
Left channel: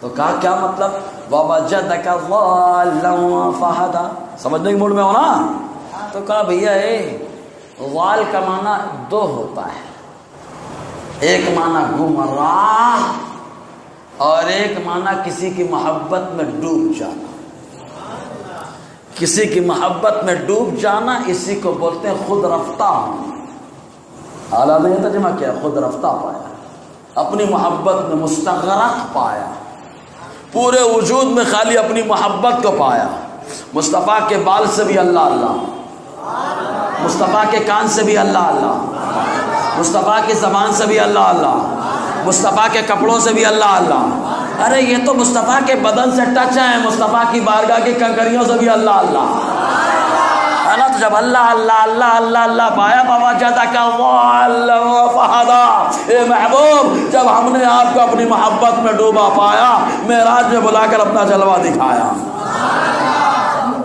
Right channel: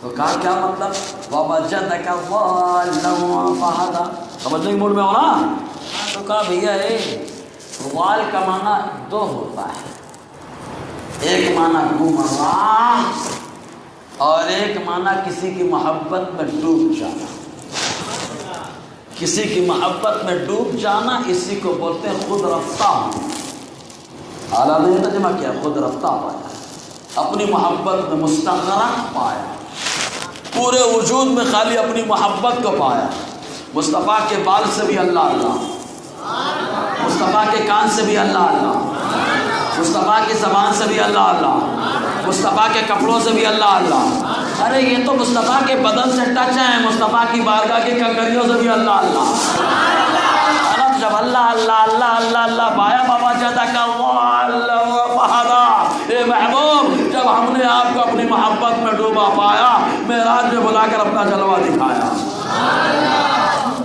تو کہا کیا مطلب؟ وَوَجَدَكَ ضَالًّا فَهَدَىٰ، سمجھنے کے موڈ میں ہو نا؟ تو کہا بھیا ضال کا معنی دو ہوتا ہے، ایک معنی گمراہ اور ایک معنی کسی کی محبت میں ڈوب جانا۔ کسی کی محبت میں ڈوب جانا اسی کو بولتے ہیں خود رفتہ ہونا۔ اعلیٰ نے ترجمہ کیا، خود رفتہ پایا، اپنی محبت میں مستغرق پایا، پورے وجود میں خالی اپنی محبت کو پایا۔ مصطفیٰ کے بال سے بھی اللہ اللہ، مصطفیٰ کے کان سے بھی اللہ اللہ، مصطفیٰ کی زبان سے بھی اللہ اللہ، مصطفیٰ کے کپڑوں سے بھی اللہ اللہ۔ ارے یہ تو مصطفیٰ کے بدن سے ٹچ ہے، مصطفیٰ کی بارگاہ کی کنکریوں سے بھی اللہ اللہ۔ تو جب اللہ اللہ اللہ اللہ اللہ پایا، بابا جاتا کا اے محبوب، جب ہم نے آپ کو اپنی محبت میں ڈوبا پایا، معراج میں بلا کر اپنا جلوہ دکھایا،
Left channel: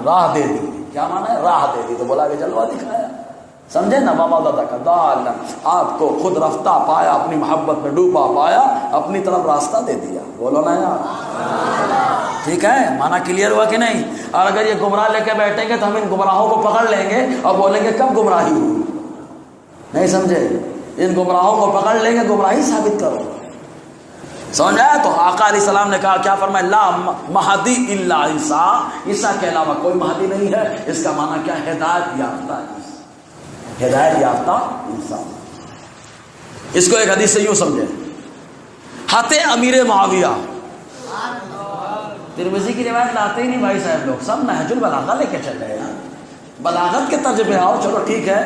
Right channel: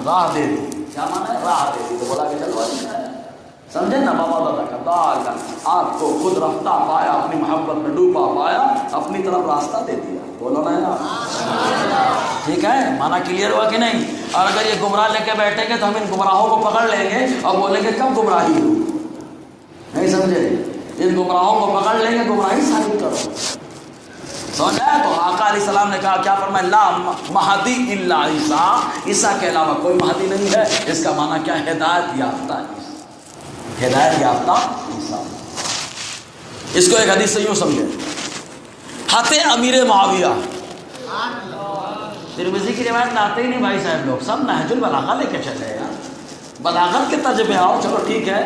راہ دے دی۔ کیا مانا ہے؟ راہ دے دی، تو بلا کے جلوہ دکھایا، سمجھے نا؟ بابا دادا کا دال آپ کو خود رفتہ پایا، اپنی محبت میں ڈوبا پایا، اپنی طرف راستہ دے دیا، بولو نا یار، ٹھیک ہے؟ مانا کلیئر ہوا کہ نہیں؟ اور اگر یہ گمراہ لے کے بیٹھیں گے تو ہم ان گمراہوں کو پکڑ لیں گے اور بولیں گے کب گمراہی ہوئی، نہیں سمجھے؟ ان گمراہوں کو پکڑ لیں گے، گمراہی ثابت کرو، سمجھ آیا؟ تو آقا علیہ السلام نے کہا، کیا فرمایا؟ لا مہدی الا عیسیٰ، عیسیٰ کے علاوہ کوئی مہدی نہیں ہے۔ اس کا معنی کیا؟ ہدایت یافتہ، ہدایت یافتہ عیسیٰ۔ اس کو ایک حدیث سے یوں سمجھے، حضرت امیر معاویہ، ترمذی کی روایت لاتے ہی نہیں بھائی صاحب لوگ، سب نہج البلاغہ لے کے چلے ہیں، بلاغت کے تجربے آؤ، چلو ٹھیک ہے۔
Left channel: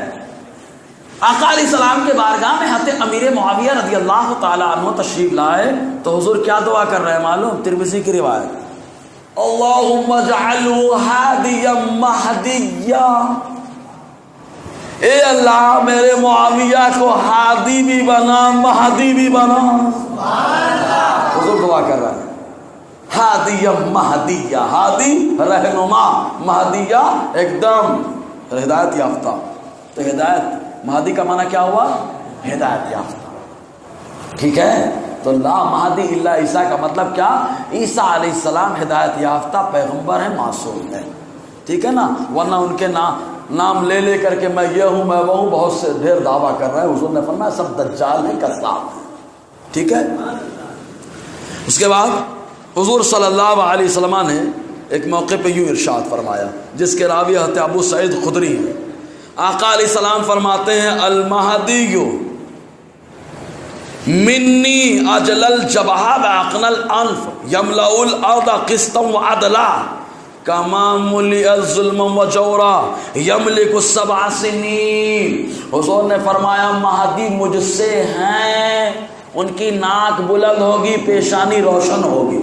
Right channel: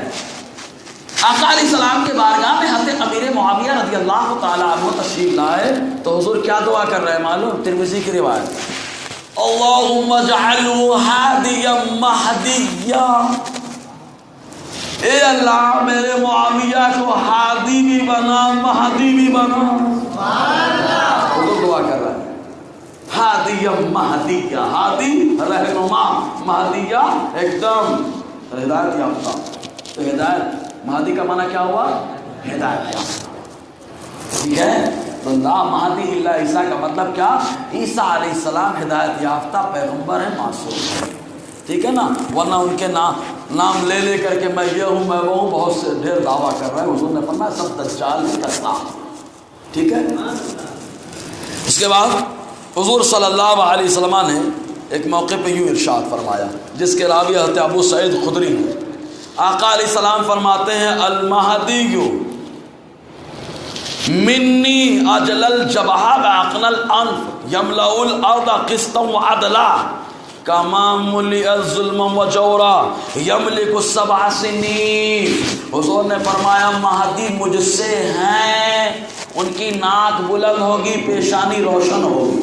آقا علیہ السلام کے بارگاہ میں حضرت امیر معاویہ رضی اللہ تعالیٰ عنہ تشریف لائے تو حضور کیا دعا کر رہے ہیں معلوم؟ ترمذی کی روایت، اللہم اجعلہ ہادیا مہدیا، اے اللہ میرے معاویہ کو ہادی بھی بنا، مہدی بھی بنا۔ حضور دعا کر رہے ہیں، ہادیا مہدیا، ہادی رہنما، مہدیا ایک دم ہدایت یافتہ۔ تو ہدایت مہدی کا معنی کیا ہوا؟ ہدایت یافتہ، ٹھیک ہے؟ تو لا مہدی الا عیسیٰ کا مطلب کیا؟ عیسیٰ علیہ السلام ہدایت یافتہ پیغمبر ہیں، معصوم ہیں، ٹھیک ہے نا؟ ورنہ ان کے نام لے لے کر کے میں یہ ہوں میں وہ ہوں، بہت سے ڈھیر دعویٰ کر رہے ہیں، حضور نے فرمایا سب دجال ہی کرتا، ٹھیک ہے؟ اس کے بعد حضور صلی اللہ علیہ وسلم نے ایک موقع پہ یوں ارشاد فرمایا، جس کے راوی حضرت ابو سعید خدری ہیں۔ آقا علیہ السلام فرماتے ہیں، المہدی منی اجل الجبہہ واقنى الانف یملأ الارض قسطا وعدلا کما ملئ الظلم وجورا یملک السبع سنین۔ حضور نے فرمایا مہدی مجھ سے ہیں، ان کی ناک بلند ہوگی، پیشانی روشن ہوگی،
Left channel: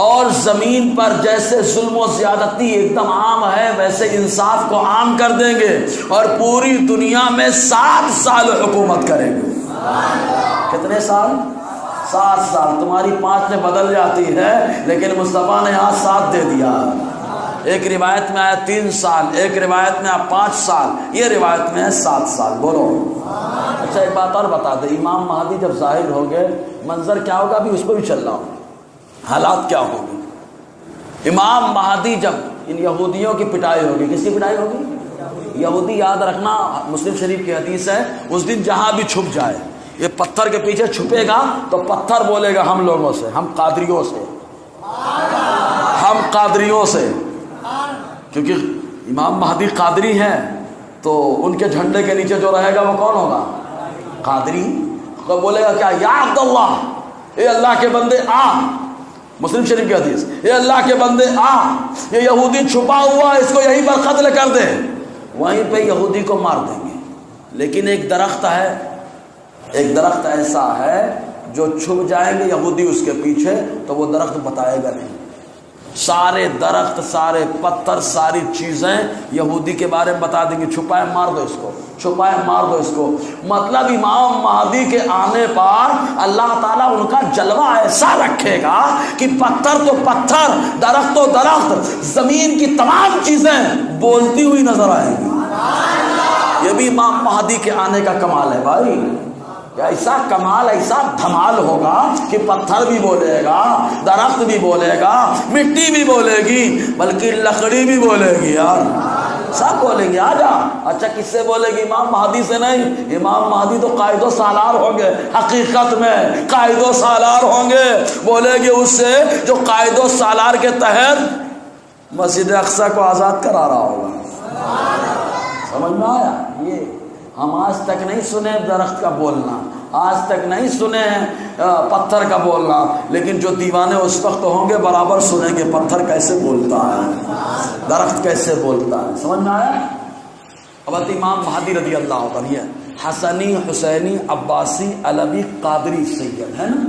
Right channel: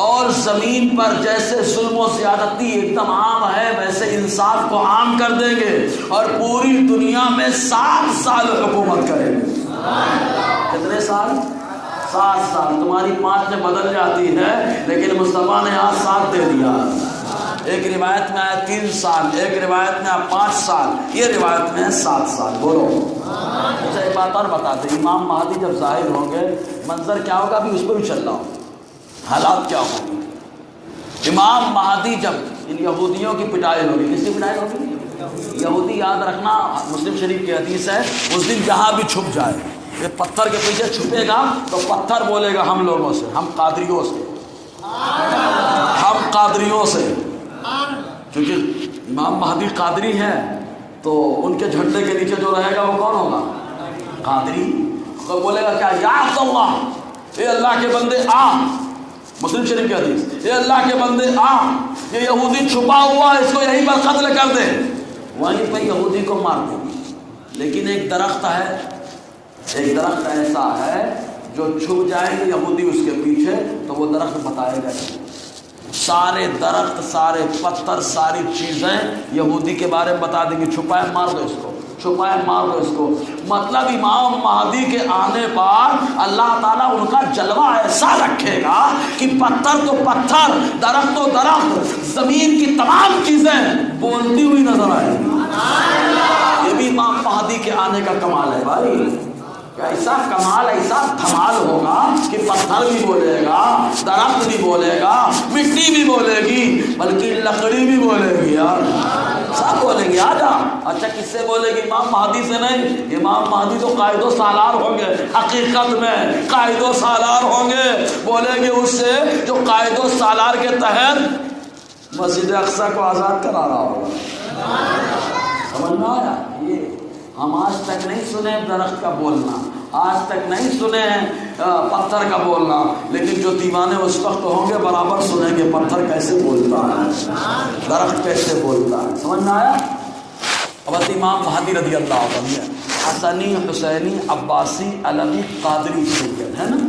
اور زمین پر جیسے ظلم و زیادتی ایک دم عام ہے ویسے انصاف کو عام کر دیں گے، اور پوری دنیا میں 7 سال حکومت کریں گے۔ کتنے سال؟ 7 سال۔ تمہاری 5 میں بدل جاتی ہے لیکن مصطفیٰ نے یہاں 7 دے دیا۔ ایک روایت میں آیا 3 سال، ایک روایت میں آیا 5 سال، یہ روایت میں ہے 7 سال۔ بولو اچھا ایک بات اور بتا دیں، امام مہدی جب ظاہر ہوں گے منظر کیا ہوگا؟ ابھی اس کو بھی چل رہا ہوں، حالات کیا ہوگی؟ امام مہدی جب ان یہودیوں کی پٹائی ہوگی، کس کی پٹائی ہوگی؟ یہودی یاد رکھنا، مسلم شریف کی حدیث ہے، اس دن جہاں بھی چھپ جائے، یہ پتھر کے پیچھے چھپے گا تو پتھر بولے گا ہم لوگوں سے، ہم قادریوں سے، ہم قادریوں سے، کیونکہ امام مہدی قادری ہیں تو ان کے جھنڈے کے نیچے جو رہے گا وہ کون ہوگا؟ قادری۔ تو بولے گا کیا؟ یا عبداللہ، اے اللہ کے بندے آ، مسلم شریف کی حدیث، اے اللہ کے بندے آ، یہ یہودی چھپا ہوا، اس کو یہیں پر قتل کر دے۔ وہیں پہ یہودی کو مار دیں گے، لیکن ایک درخت ہے، ایک درخت ایسا ہے جو چھپ جائیں گے یہودی اس کے پیچھے تو وہ درخت بتائے گا نہیں۔ سارے درخت، سارے پتھر، ساری چیزیں یہودی کے بارے میں بتا دیں گے، چھپائے مار دو اس کو، چھپائے مار دو اس کو۔ مطلب امام مہدی کے آنے پر اللہ تعالیٰ ان کا جلوہ ایسا رکھے گا کہ پتھر تو پتھر، درخت تو درخت، زمین کی تمام چیزیں بولتی ہوئی نظر آئیں گی۔ یہ بھی امام مہدی کے آنے کا کمال ہے بھائی، ایسا کمال، ایسا دھمال ہوگا کہ پتھر بھی بولے گا، درخت بھی بولے گا، مٹی بھی بولے گی، بلکہ لکڑی بھی بولے گی یار، سب بولے گی آ جا۔ اچھا کس سے بولے گی؟ امام مہدی سے نہیں، امام مہدی تو قائد و سالار ہوں گے، حقیقت میں قائد و سالار ہوں گے، بولے گی اس سے جو قائد و سالار کے تحت مسجد اقصی کو آزاد کرا رہا ہوگا۔ سمجھ میں آیا؟ یہ ہم آج تک نہیں سنے درخت کا بولنا، آج تک نہیں سنے پتھر کا بولنا، لیکن جو دیوانے اس وقت ہوں گے برابر سنیں گے پتھر کیسے بولتا ہے، درخت کیسے بولتا ہے۔ سمجھ میں آیا؟ اب امام مہدی رضی اللہ عنہ حسنی، حسینی، عباسی، علوی، قادری سید ہے نا،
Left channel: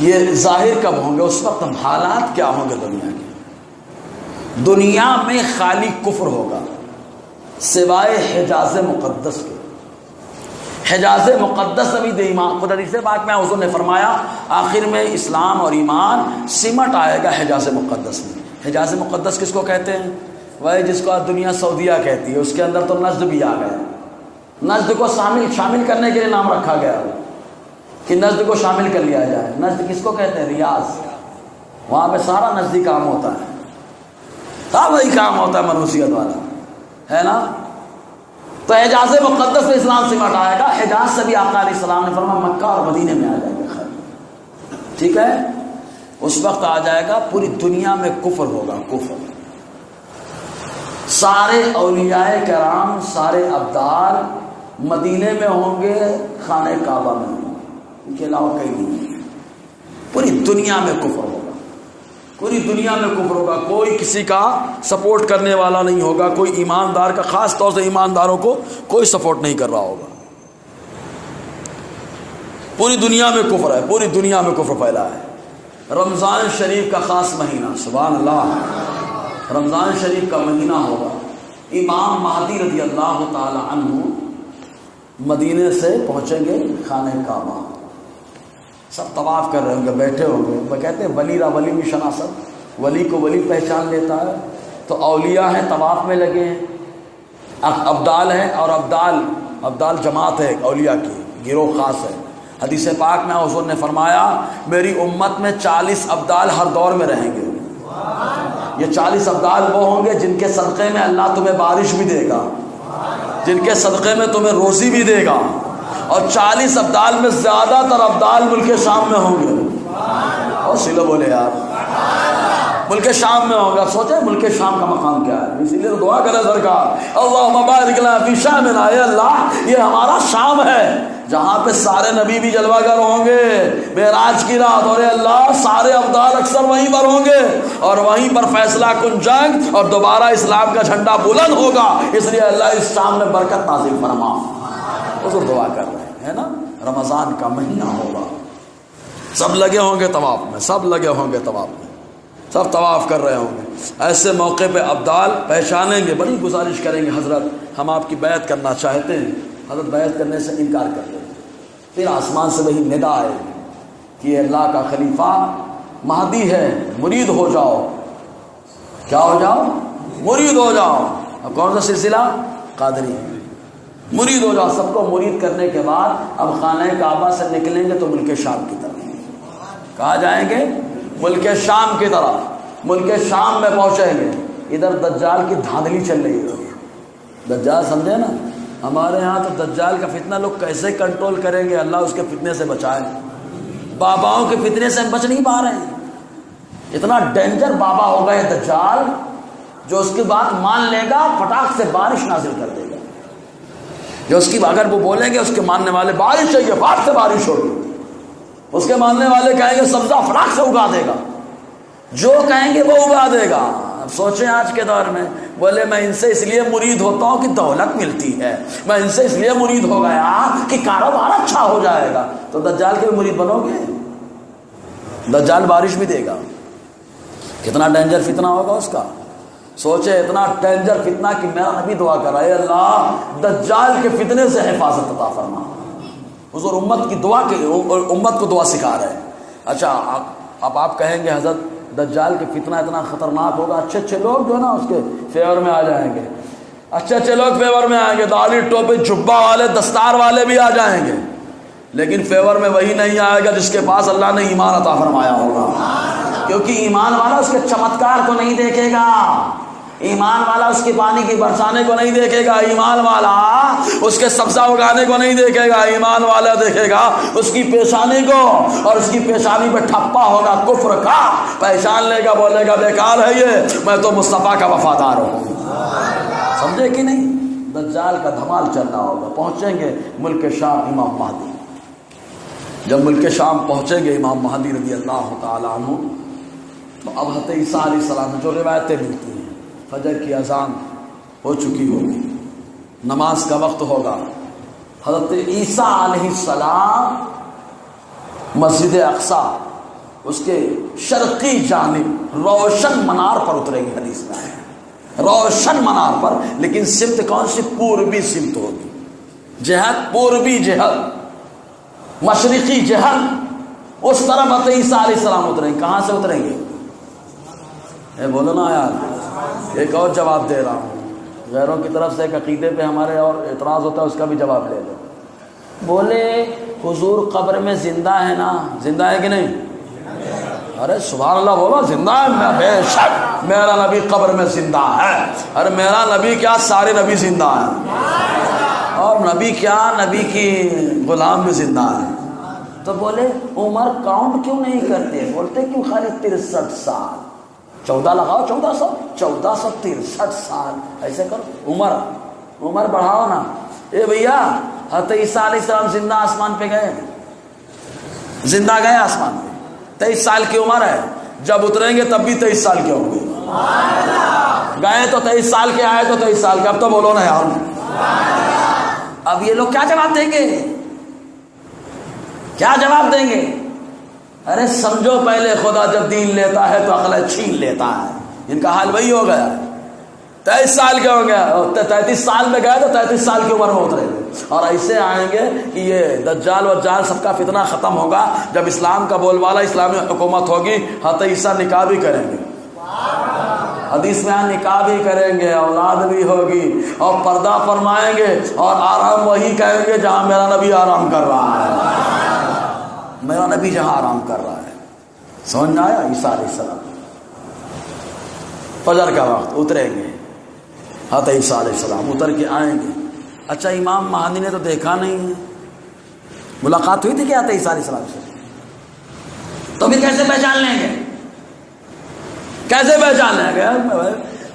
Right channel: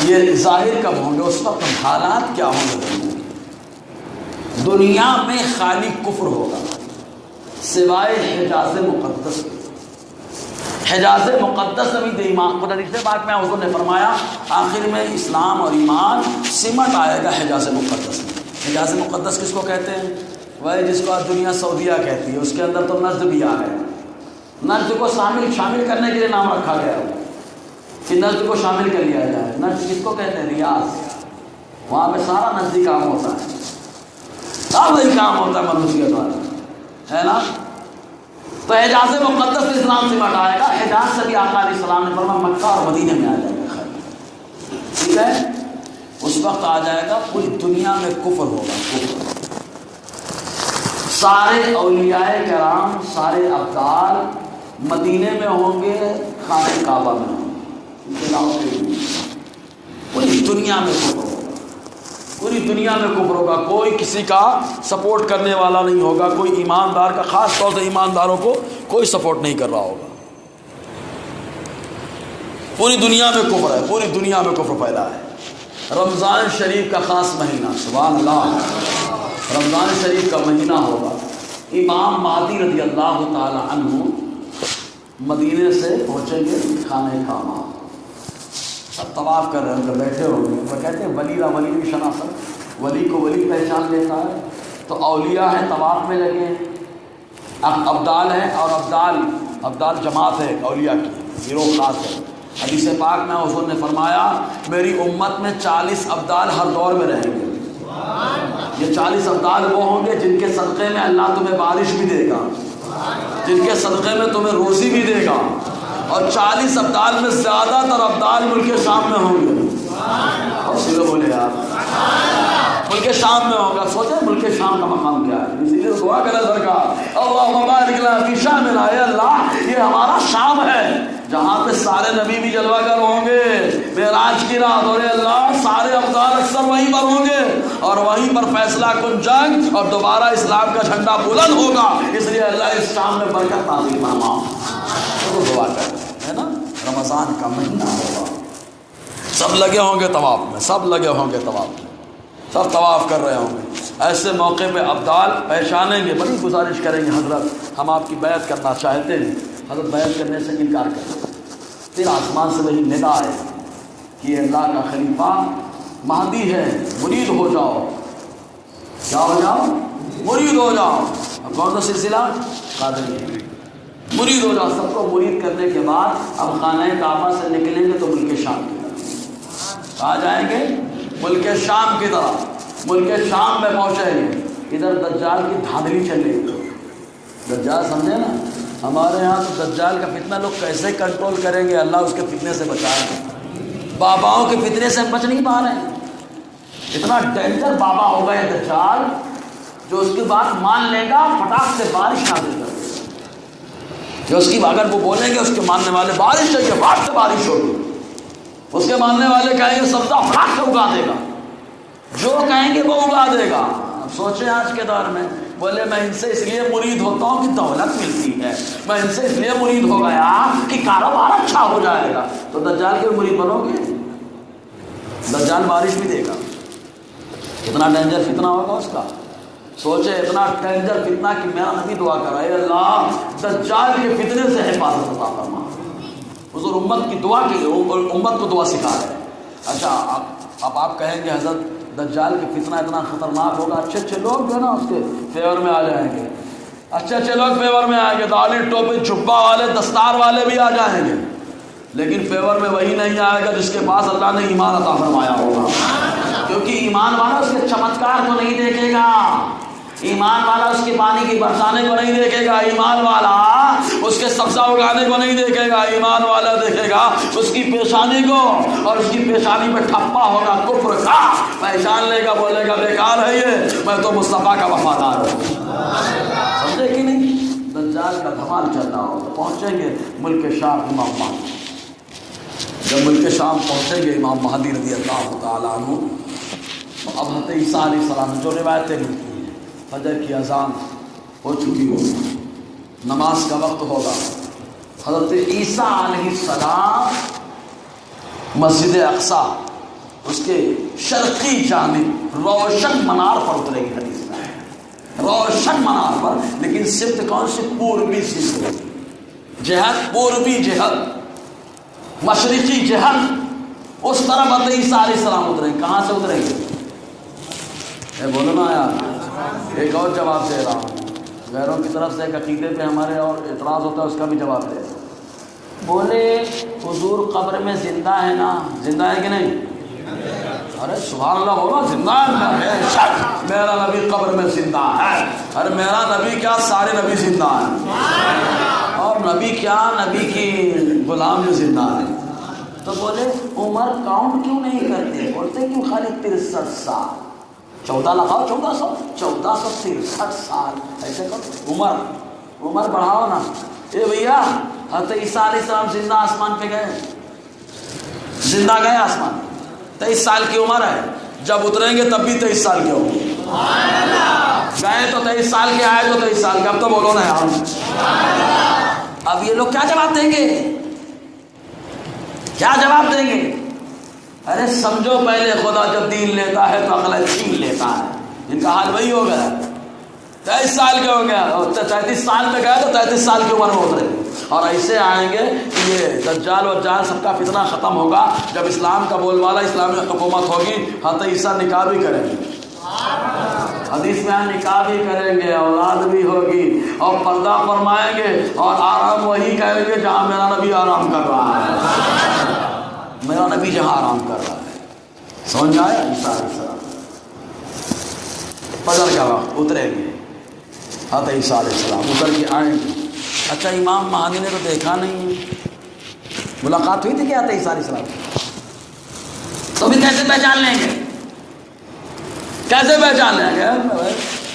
یہ ظاہر کب ہوں گے؟ اس وقت حالات کیا ہوں گے دنیا کی؟ دنیا میں خالی کفر ہوگا سوائے حجاز مقدس کے۔ حجاز مقدس ابھی ایمان خدا سے بات میں حضور نے فرمایا آخر میں اسلام اور ایمان سمٹ آئے گا حجاز مقدس میں۔ حجاز مقدس کس کو کہتے ہیں؟ وہی جس کا دنیا سعودیہ کہتی ہے، اس کے اندر تو نجد بھی آ گیا، نجد کو شامل کرنے کے لیے نام رکھا گیا ہے کہ نجد کو شامل کر لیا جائے۔ نجد کس کو کہتے ہیں؟ ریاض، وہاں پہ سارا نجدی کام ہوتا ہے، سب وہی کام ہوتا ہے منوسیت والا، ہے نا۔ تو حجاز مقدس میں اسلام سمٹ آئے گا۔ حجاز سے بھی آقا علیہ السلام نے فرمایا مکہ اور مدینے میں آ جائے گا، ٹھیک ہے؟ اس وقت آ جائے گا پوری دنیا میں کفر ہوگا، کفر۔ سارے اولیاء کرام، سارے ابدال مدینے میں ہوں گے، خانہ کعبہ میں ہوں گے، ان کے علاوہ کہیں نہیں۔ پوری دنیا میں کفر ہوگا، پوری دنیا میں کفر ہوگا، کوئی کسی کا سپورٹ کرنے والا نہیں ہوگا، کوئی ایماندار کا، خاص طور سے ایمانداروں کو کوئی سپورٹ نہیں کر رہا ہوگا۔ پوری دنیا میں کفر ہے، پوری دنیا میں کفر پھیلا ہے۔ رمضان شریف کا خاص مہینہ، سبحان اللہ، رمضان شریف کا مہینہ ہوگا۔ امام مہدی رضی اللہ تعالی عنہ مدینے سے پہنچیں گے خانہ کعبہ، سب طواف کر رہے ہوں گے، بیٹھے ہوں گے، تو کہتے ہیں ولی را ولی بھی شناست، ولی کو ولی پہچان لیتا ہے۔ تو اولیاء ہیں طواف میں لگے ہیں، ابدال ہیں، اور ابدال جماعت ہے اولیاء کی، گروہ خاص ہے۔ حدیث پاک میں حضور نے فرمایا میری امت میں 40 ابدال ہر دور میں رہیں گے۔ یہ 40 ابدال وہ ہوں گے جن کے صدقے میں اللہ تمہیں بارش بھی دے گا، جن کے صدقے میں تمہیں روزی بھی دے گا، اور 40 ابدال میں زیادہ تر ابدال ملک شام میں ہوں گے۔ اور سیدھے بولے یار، ملک شام میں ہوگا۔ سوچیں ملک شام کا مقام کیا ہے، اسی لیے دعا کریں سرکار اللہم بارک لنا فی شامنا، اے اللہ یہ ہمارا شام ہے جہاں پہ سارے نبی بھی جلوہ گر ہوں گے معراج کی رات، اور اے اللہ سارے ابدال اکثر وہیں پر ہوں گے، اور وہیں پر فیصلہ کن جنگ اور دوبارہ اسلام کا جھنڈا بلند ہوگا۔ اس لیے اللہ اس شام میں برکت نازل فرما، تو دعا کر رہے ہیں نا۔ رمضان کا مہینہ ہوگا، سب لگے ہوں گے طواف میں، سب لگے ہوں گے طواف میں، سب طواف کر رہے ہوں گے۔ ایسے موقع پہ ابدال پہچانیں گے، بڑی گزارش کریں گے حضرت ہم آپ کی بیعت کرنا چاہتے ہیں، حضرت بیعت کرنے سے انکار کر دیں۔ پھر آسمان سے وہی ندا ہے کہ اللہ کا خلیفہ مہدی ہے، مرید ہو جاؤ، کیا ہو جاؤ؟ مرید ہو جاؤ۔ اور کون سا سلسلہ؟ قادری، مرید ہو جاؤ۔ سب کو مرید کرنے کے بعد اب خانہ کعبہ سے نکلیں گے تو ملک شام کی طرف، کہاں جائیں گے؟ ملک شام کی طرف، ملک شام میں پہنچیں گے۔ ادھر دجال کی دھاندلی چل رہی ہے. دجال سمجھے نا, ہمارے یہاں تو دجال کا فتنہ لوگ کیسے کنٹرول کریں گے, اللہ اس کے فتنے سے بچائے. باباؤں کے فتنے سے بچ نہیں پا رہے ہیں. اتنا ڈینجر بابا ہوگا یہ دجال, جو اس کی بات مان لے گا پٹاخ سے بارش نازل کر دے گا. جو اس کی اگر وہ بولیں گے اس کے ماننے والے بارش چاہیے, بات سے بارش ہوگی, اس کے ماننے والے کہیں گے سبزہ پٹاخ سے اگا دے گا, جو کہیں گے وہ اگا دے گا. اب سوچیں آج کے دور میں, بولے میں ان سے اس لیے مرید ہوتا ہوں کہ دولت ملتی ہے, میں ان سے اس لیے مرید ہو گیا کہ کاروبار اچھا ہو جائے گا. تو دجال کے مرید بنو گے؟ دجال بارش بھی دے گا. کتنا ڈینجر فتنہ ہوگا اس کا. سوچے اتنا ڈینجر فتنہ کہ میں ابھی دعا کر رہا ہے اللہ دجال کے فتنے سے حفاظت عطا فرما. حضور امت کی دعا کی امت کو دعا سکھا رہے ہیں. اچھا اب آپ کہیں گے حضرت دجال کے فتنہ اتنا خطرناک ہوگا, اچھے لوگ جو ہے نا اس کے فیور میں آ جائیں گے, اچھے لوگ فیور میں آئیں گے, داڑھی ٹوپی جبہ والے دستار والے بھی آ جائیں گے, لیکن فیور میں وہی نہیں آئے گا جس کے پاس اللہ نے ایمان عطا فرمایا ہوگا. کیونکہ ایمان والا اس کے چمتکار کو نہیں دیکھے گا, ایمان والا اس کے پانی کی برسانے کو نہیں دیکھے گا, ایمان والا اس کے سبزہ اگانے کو نہیں دیکھے گا, ایمان والا دیکھے گا اس کی پیشانی کو, اور اس کی پیشانی پہ ٹھپا ہوگا کفر کا, پہچان لے گا, بولے گا بیکار ہے یہ, میں تو مصطفیٰ کا وفادار ہوں. سمجھے کہ نہیں؟ دجال کا دھمال چل رہا ہوگا. پہنچیں گے ملک شام امام مہدی. جب ملک شام پہنچیں گے امام مہدی رضی اللہ تعالیٰ عنہ, تو اب حضرت عیسیٰ علیہ السلام جو روایتیں ملتی ہیں, فجر کی اذان ہو چکی ہوگی, نماز کا وقت ہوگا, حضرت عیسیٰ علیہ السلام مسجد اقصیٰ اس کے شرقی جانب روشن منار پر اترے گی. حدیث میں ہے روشن منار پر, لیکن سمت کون سی؟ پوربی سمت ہوگی, جہت پوربی جہت, مشرقی جہت, اس طرف حضرت عیسیٰ علیہ السلام اتریں. کہاں سے اتریں گے؟ بولو نا یار, ایک اور جواب دے رہا ہوں. غیروں کی طرف سے ایک عقیدے پہ ہمارے اور اعتراض ہوتا ہے, اس کا بھی جواب دے دو. بولے حضور قبر میں زندہ ہے نا, زندہ ہے کہ نہیں؟ ارے سبحان اللہ بولو, زندہ ہے, شک میرا نبی قبر میں زندہ ہے. ارے میرا نبی کیا, سارے نبی زندہ ہیں, اور نبی کیا, نبی کی غلام بھی زندہ ہے. تو بولے عمر کاؤنٹ کیوں نہیں کرتے؟ بولتے کیوں خالی 63 سال, 14 لگاؤ, 1463 سال ایسے کر. عمر بڑھاؤ نا. اے بھیا حضرت عیسیٰ علیہ السلام زندہ آسمان پہ گئے, زندہ گئے آسمان پہ, 23 سال کی عمر ہے, جب اتریں گے تب بھی 23 سال کے ہوں گے. گئے تو 23 سال کے, آئے تو 23 سال کے. اب تو بولو نا یار, اب یہ لوگ کیا جواب دیں گے, کیا جواب دیں گے؟ ارے سمجھو پہلے خدا جب دین لیتا ہے تو عقل چھین لیتا ہے. ان کا حال وہی ہو گیا, 23 سال کے ہو گیا, اور 33 سال میں گئے تو 33 سال کی عمر میں اترے. اور ایسے آئیں گے کہ یہ دجال اور جال سب کا فتنہ ختم ہوگا. جب اسلام کا بول والا اسلامی حکومت ہوگی, حضرت عیسیٰ نکاح بھی کریں گے, حدیث میں نکاح بھی کریں گے, اولاد بھی ہوگی, اور پردہ فرمائیں گے, اور آرام وہی کہیں گے جہاں میرا نبی آرام کر رہا ہے, میرا نبی جہاں آرام کر رہا ہے. سمجھ آیا؟ عیسیٰ علیہ السلام فجر کا وقت اتریں گے, حضرت عیسیٰ علیہ السلام اتر کے آئیں گے. اچھا امام مہدی نے تو دیکھا نہیں, ملاقات ہوئی تھی کیا حضرت عیسیٰ علیہ السلام سے؟ تو بھی کیسے پہچان لیں گے, کیسے پہچان لیں گے؟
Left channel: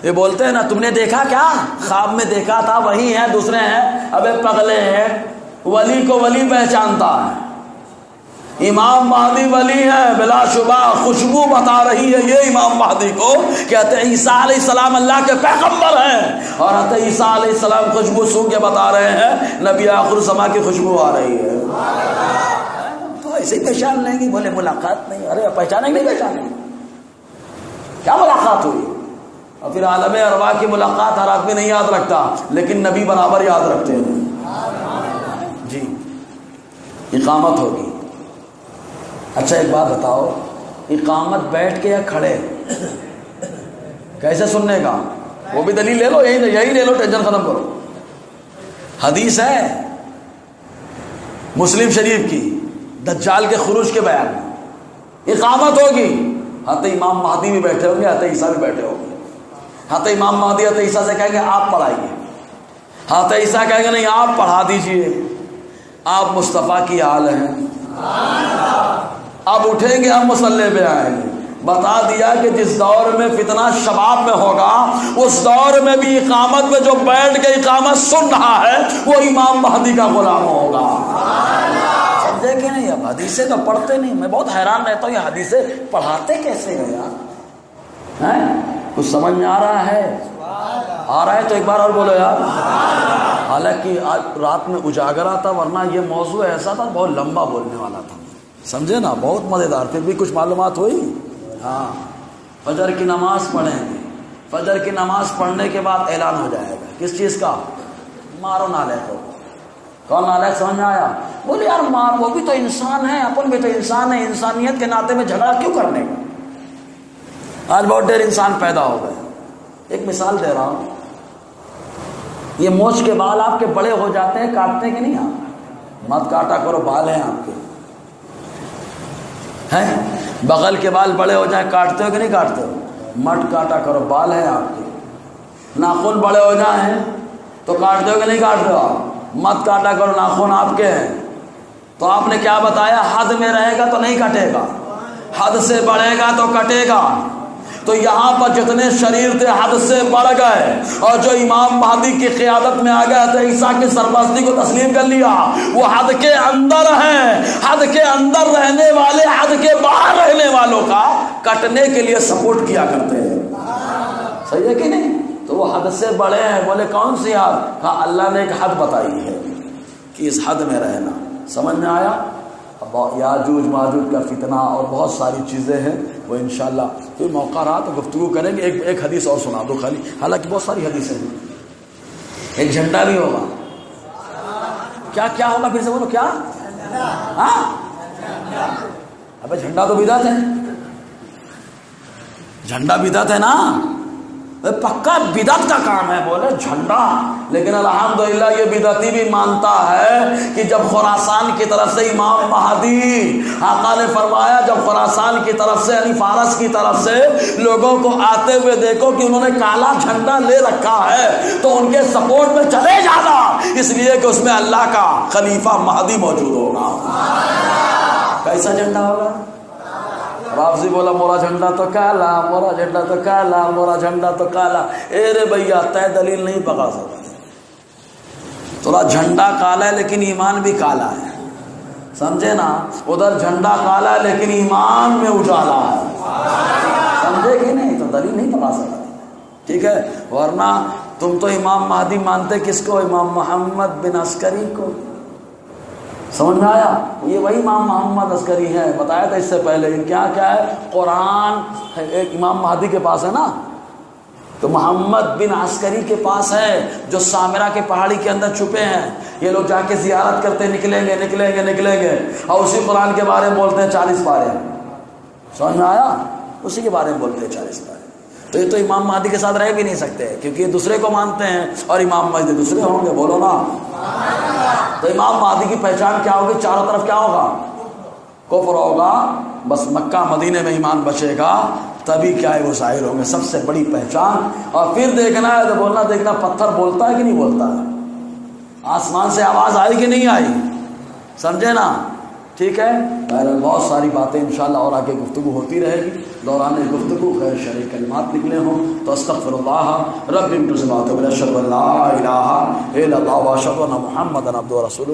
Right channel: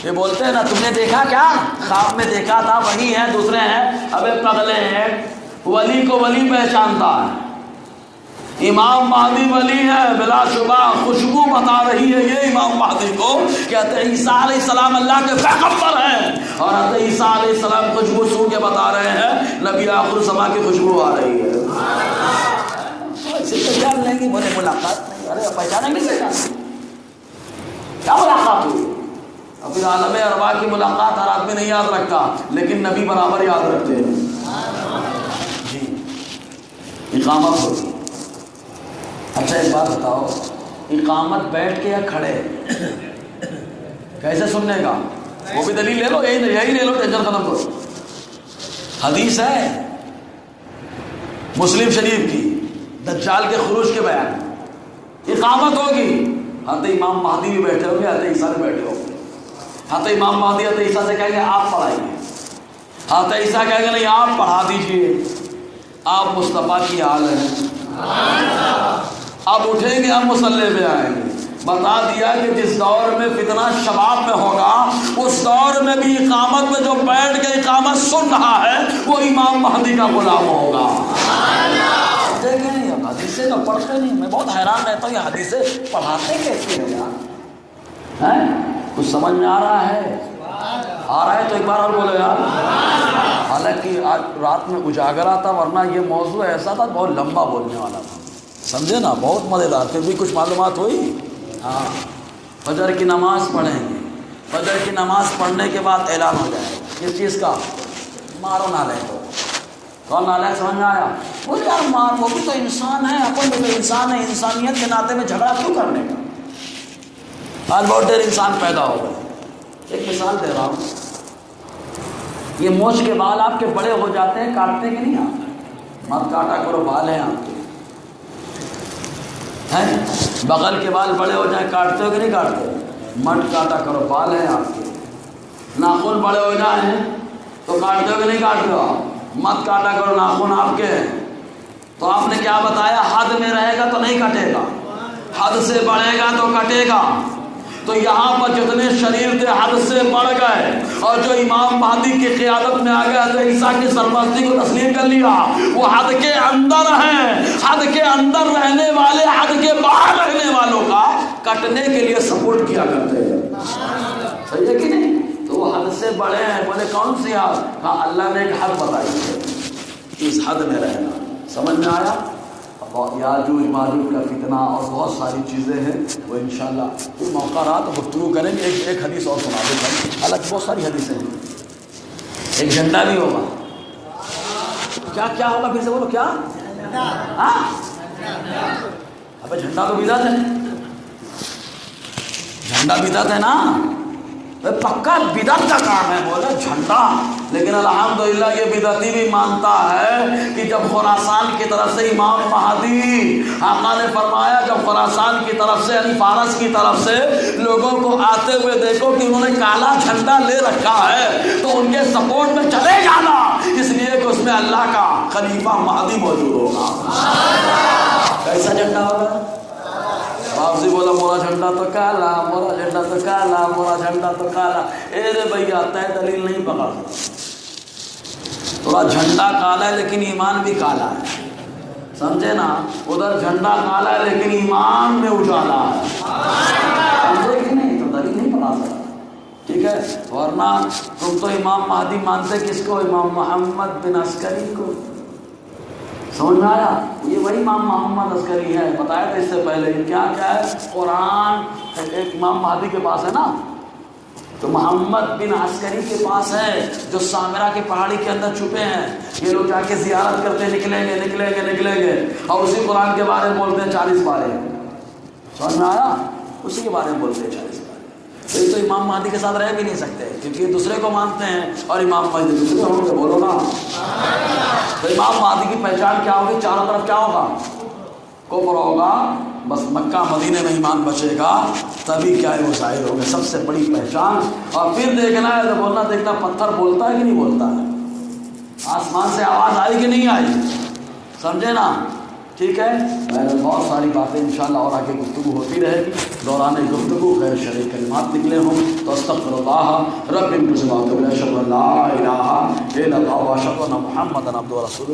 یہ بولتے ہیں نا تم نے دیکھا کیا, خواب میں دیکھا تھا, وہی ہے, دوسرے ہیں, ابے پگلے ہیں. ولی کو ولی پہچانتا ہے, امام مہدی ولی ہے بلا شبہ, خوشبو بتا رہی ہے یہ امام مہدی کو, کہتے ہیں عیسیٰ علیہ السلام اللہ کے پیغمبر ہیں, اور حضرت عیسیٰ علیہ السلام خوشبو سو کے بتا رہے ہیں نبی آخر الزمان کی خوشبو آ رہی ہے. ایسے ہی پہچان لیں گے. بولے ملاقات نہیں, ارے پہچانے نہیں, پہچان کیا ملاقات ہوئی؟ اور پھر عالم ارواح کی ملاقات ہر آدمی نہیں یاد رکھتا, لیکن نبی برابر یاد رکھتے ہیں. جی اقامت ہوگی. اچھا ایک بات بتاؤ, اقامت بیٹھ کے یا کھڑے, کیسے سننے کا؟ وہ بھی دلیل لے لو, یہی لے لو, ٹینشن ختم کرو. حدیث ہے مسلم شریف کی, دجال کے خروج کے بیان میں اقامت ہوگی. حضرت امام مہدی بھی بیٹھے ہوں گے, حضرت عیسیٰ بھی بیٹھے ہوں گے. حضرت امام مہدی حضرت عیسیٰ سے کہیں گے آپ پڑھائیے، حضرت عیسیٰ کہیں گے نہیں آپ پڑھا دیجئے، آپ مصطفیٰ کی آل ہیں۔ اب اٹھیں گے اور مصلی پہ آئیں گے۔ بتا دیا کہ جس دور میں فتنہ شباب میں ہوگا اس دور میں بھی اقامت میں جو بیٹھ کے اقامت سن رہا ہے وہ امام مہدی کا غلام ہوگا۔ سمجھے کہ نہیں؟ اب حدیثیں تو پڑھتے نہیں، میں بہت حیران رہتا ہوں یہ حدیثیں پڑھاتے کیسے ہیں یار؟ کچھ سمجھ میں آ رہا ہے؟ آ رہا ہے تو ایک بار اور بولو یار۔ حالانکہ رات میں اجاگر آتا، ورنہ یہ موضوع ایسا تھا بہت لمبا بولنے والا تھا، سمجھے نا، بہت مزیدار، پھر بھی کچھ معلومات ہوئی۔ ہاں، فجر کی نماز پڑھیں گے، فجر کی نماز پڑھنے کے بعد اعلان ہو جائے گا کس چیز کا؟ مارو نالے کو۔ کون نالے سمجھ میں آیا؟ بولے یار مار، وہ بھی تو انسان ہے، اپن بھی تو انسان ہے، انسانیت کے ناطے میں جھگڑا کیوں کرنے کا؟ آج بہت دیر انسان پیدا ہو گئے۔ ایک مثال دے رہا ہوں، یہ مونچھ کے بال آپ کے بڑے ہو جاتے ہیں، کاٹتے کہ نہیں آپ؟ مت کاٹا کرو، بال ہیں آپ کے، ہیں بغل کے بال بڑے ہو جائیں کاٹتے ہو کہ نہیں کاٹتے ہو؟ مت کاٹا کرو، بال ہیں آپ کے۔ ناخن بڑے ہو جائیں تو کاٹتے ہو کہ نہیں کاٹتے ہو آپ؟ مت کاٹا کرو، ناخن آپ کے ہیں۔ تو آپ نے کیا بتایا؟ حد میں رہے گا تو نہیں کٹے گا، حد سے بڑھے گا تو کٹے گا۔ تو یہاں پر جتنے شریر تھے حد سے بڑھ گئے، اور جو امام مہدی کی قیادت میں آ گئے تو عیسیٰ کی سرپرستی کو تسلیم کر لیا، وہ حد کے اندر ہیں۔ حد کے اندر رہنے والے حد کے باہر رہنے والوں کا کٹنے کے لیے سپورٹ کیا کرتے ہیں، صحیح ہے کہ نہیں؟ تو وہ حد سے بڑے ہیں۔ بولے کون سی حد؟ کہا اللہ نے ایک حد بتائی ہے کہ اس حد میں رہنا۔ سمجھ میں آیا؟ یاجوج ماجوج کا فتنہ اور بہت ساری چیزیں ہیں، وہ انشاءاللہ کوئی موقع رہا تو گفتگو کریں گے۔ ایک حدیث اور سنا دو بھائی، حالانکہ بہت ساری حدیثیں ہیں۔ ایک جھنڈا بھی ہوگا۔ کیا کیا ہوگا؟ پھر سے بولو کیا؟ ہاں ابے جھنڈا تو بدعت ہے، جھنڈا بدعت ہے نا، پکا بدعت کا کام ہے بولو جھنڈا۔ لیکن الحمدللہ یہ بدعتی بھی مانتا ہے کہ جب خراسان کی طرف سے امام مہدی، آقا نے فرمایا جب خراسان کی طرف سے یعنی فارس کی طرف سے لوگوں کو آتے ہوئے دیکھو کہ انہوں نے کالا جھنڈا لے رکھا ہے تو ان کے سپورٹ میں چلے جانا، اس لیے کہ اس میں اللہ کا خلیفہ مہدی موجود ہوگا۔ کیسا جھنڈا ہوگا؟ واپسی بولا مورا جھنڈا تو کالا، مورا جھنڈا تو کالا، مورا جھنڈا تو کالا۔ اے رے بھیا طے دلیل نہیں پکا سکتا، تھوڑا جھنڈا کالا ہے لیکن ایمان بھی کالا ہے، سمجھے نا؟ ادھر جھنڈا کالا ہے لیکن ایمان میں اجالا ہے، سمجھے کہ نہیں؟ تو دلیل نہیں پکا سکتا، ٹھیک ہے؟ ورنہ تم تو امام مہدی مانتے کس کو؟ امام محمد بن عسکری کو۔ سمجھ میں آیا؟ یہ وہی امام محمد عسکری ہے، بتایا تھا اس سے پہلے۔ کیا کیا ہے؟ قرآن ایک امام مہدی کے پاس ہے نا، تو محمد بن عسکری کے پاس ہے جو سامرا کے پہاڑی کے اندر چھپے ہیں۔ یہ لوگ جا کے زیارت کرتے نکلیں گے نکلیں گے نکلیں گے، اور اسی قرآن کے بارے میں بولتے ہیں 40 پارے۔ سمجھ میں آیا؟ اسی کے بارے میں بولتے ہیں 40 پارے۔ تو یہ تو امام مہدی کے ساتھ رہ بھی نہیں سکتے کیونکہ یہ دوسرے کو مانتے ہیں اور امام مہدی دوسرے ہوں گے، بولو نا۔ تو امام مہدی کی پہچان کیا ہوگی؟ چاروں طرف کیا ہوگا؟ کفر ہوگا، بس مکہ مدینے میں ایمان بچے گا، تبھی کیا ہے وہ ظاہر ہوں گے، سب سے بڑی پہچان۔ اور پھر دیکھنا ہے تو بولنا دیکھنا پتھر بولتا ہے کہ نہیں بولتا ہے، آسمان سے آواز آئی کہ نہیں آئی، سمجھے نا؟ ٹھیک ہے، بہت ساری باتیں انشاءاللہ اور آگے گفتگو ہوتی رہے گی۔ دوران گفتگو غیر شرعی کلمات نکلے ہوں تو استغفر اللہ رب اشهد ان لا اله الا الله واشهد ان محمدا عبده ورسوله۔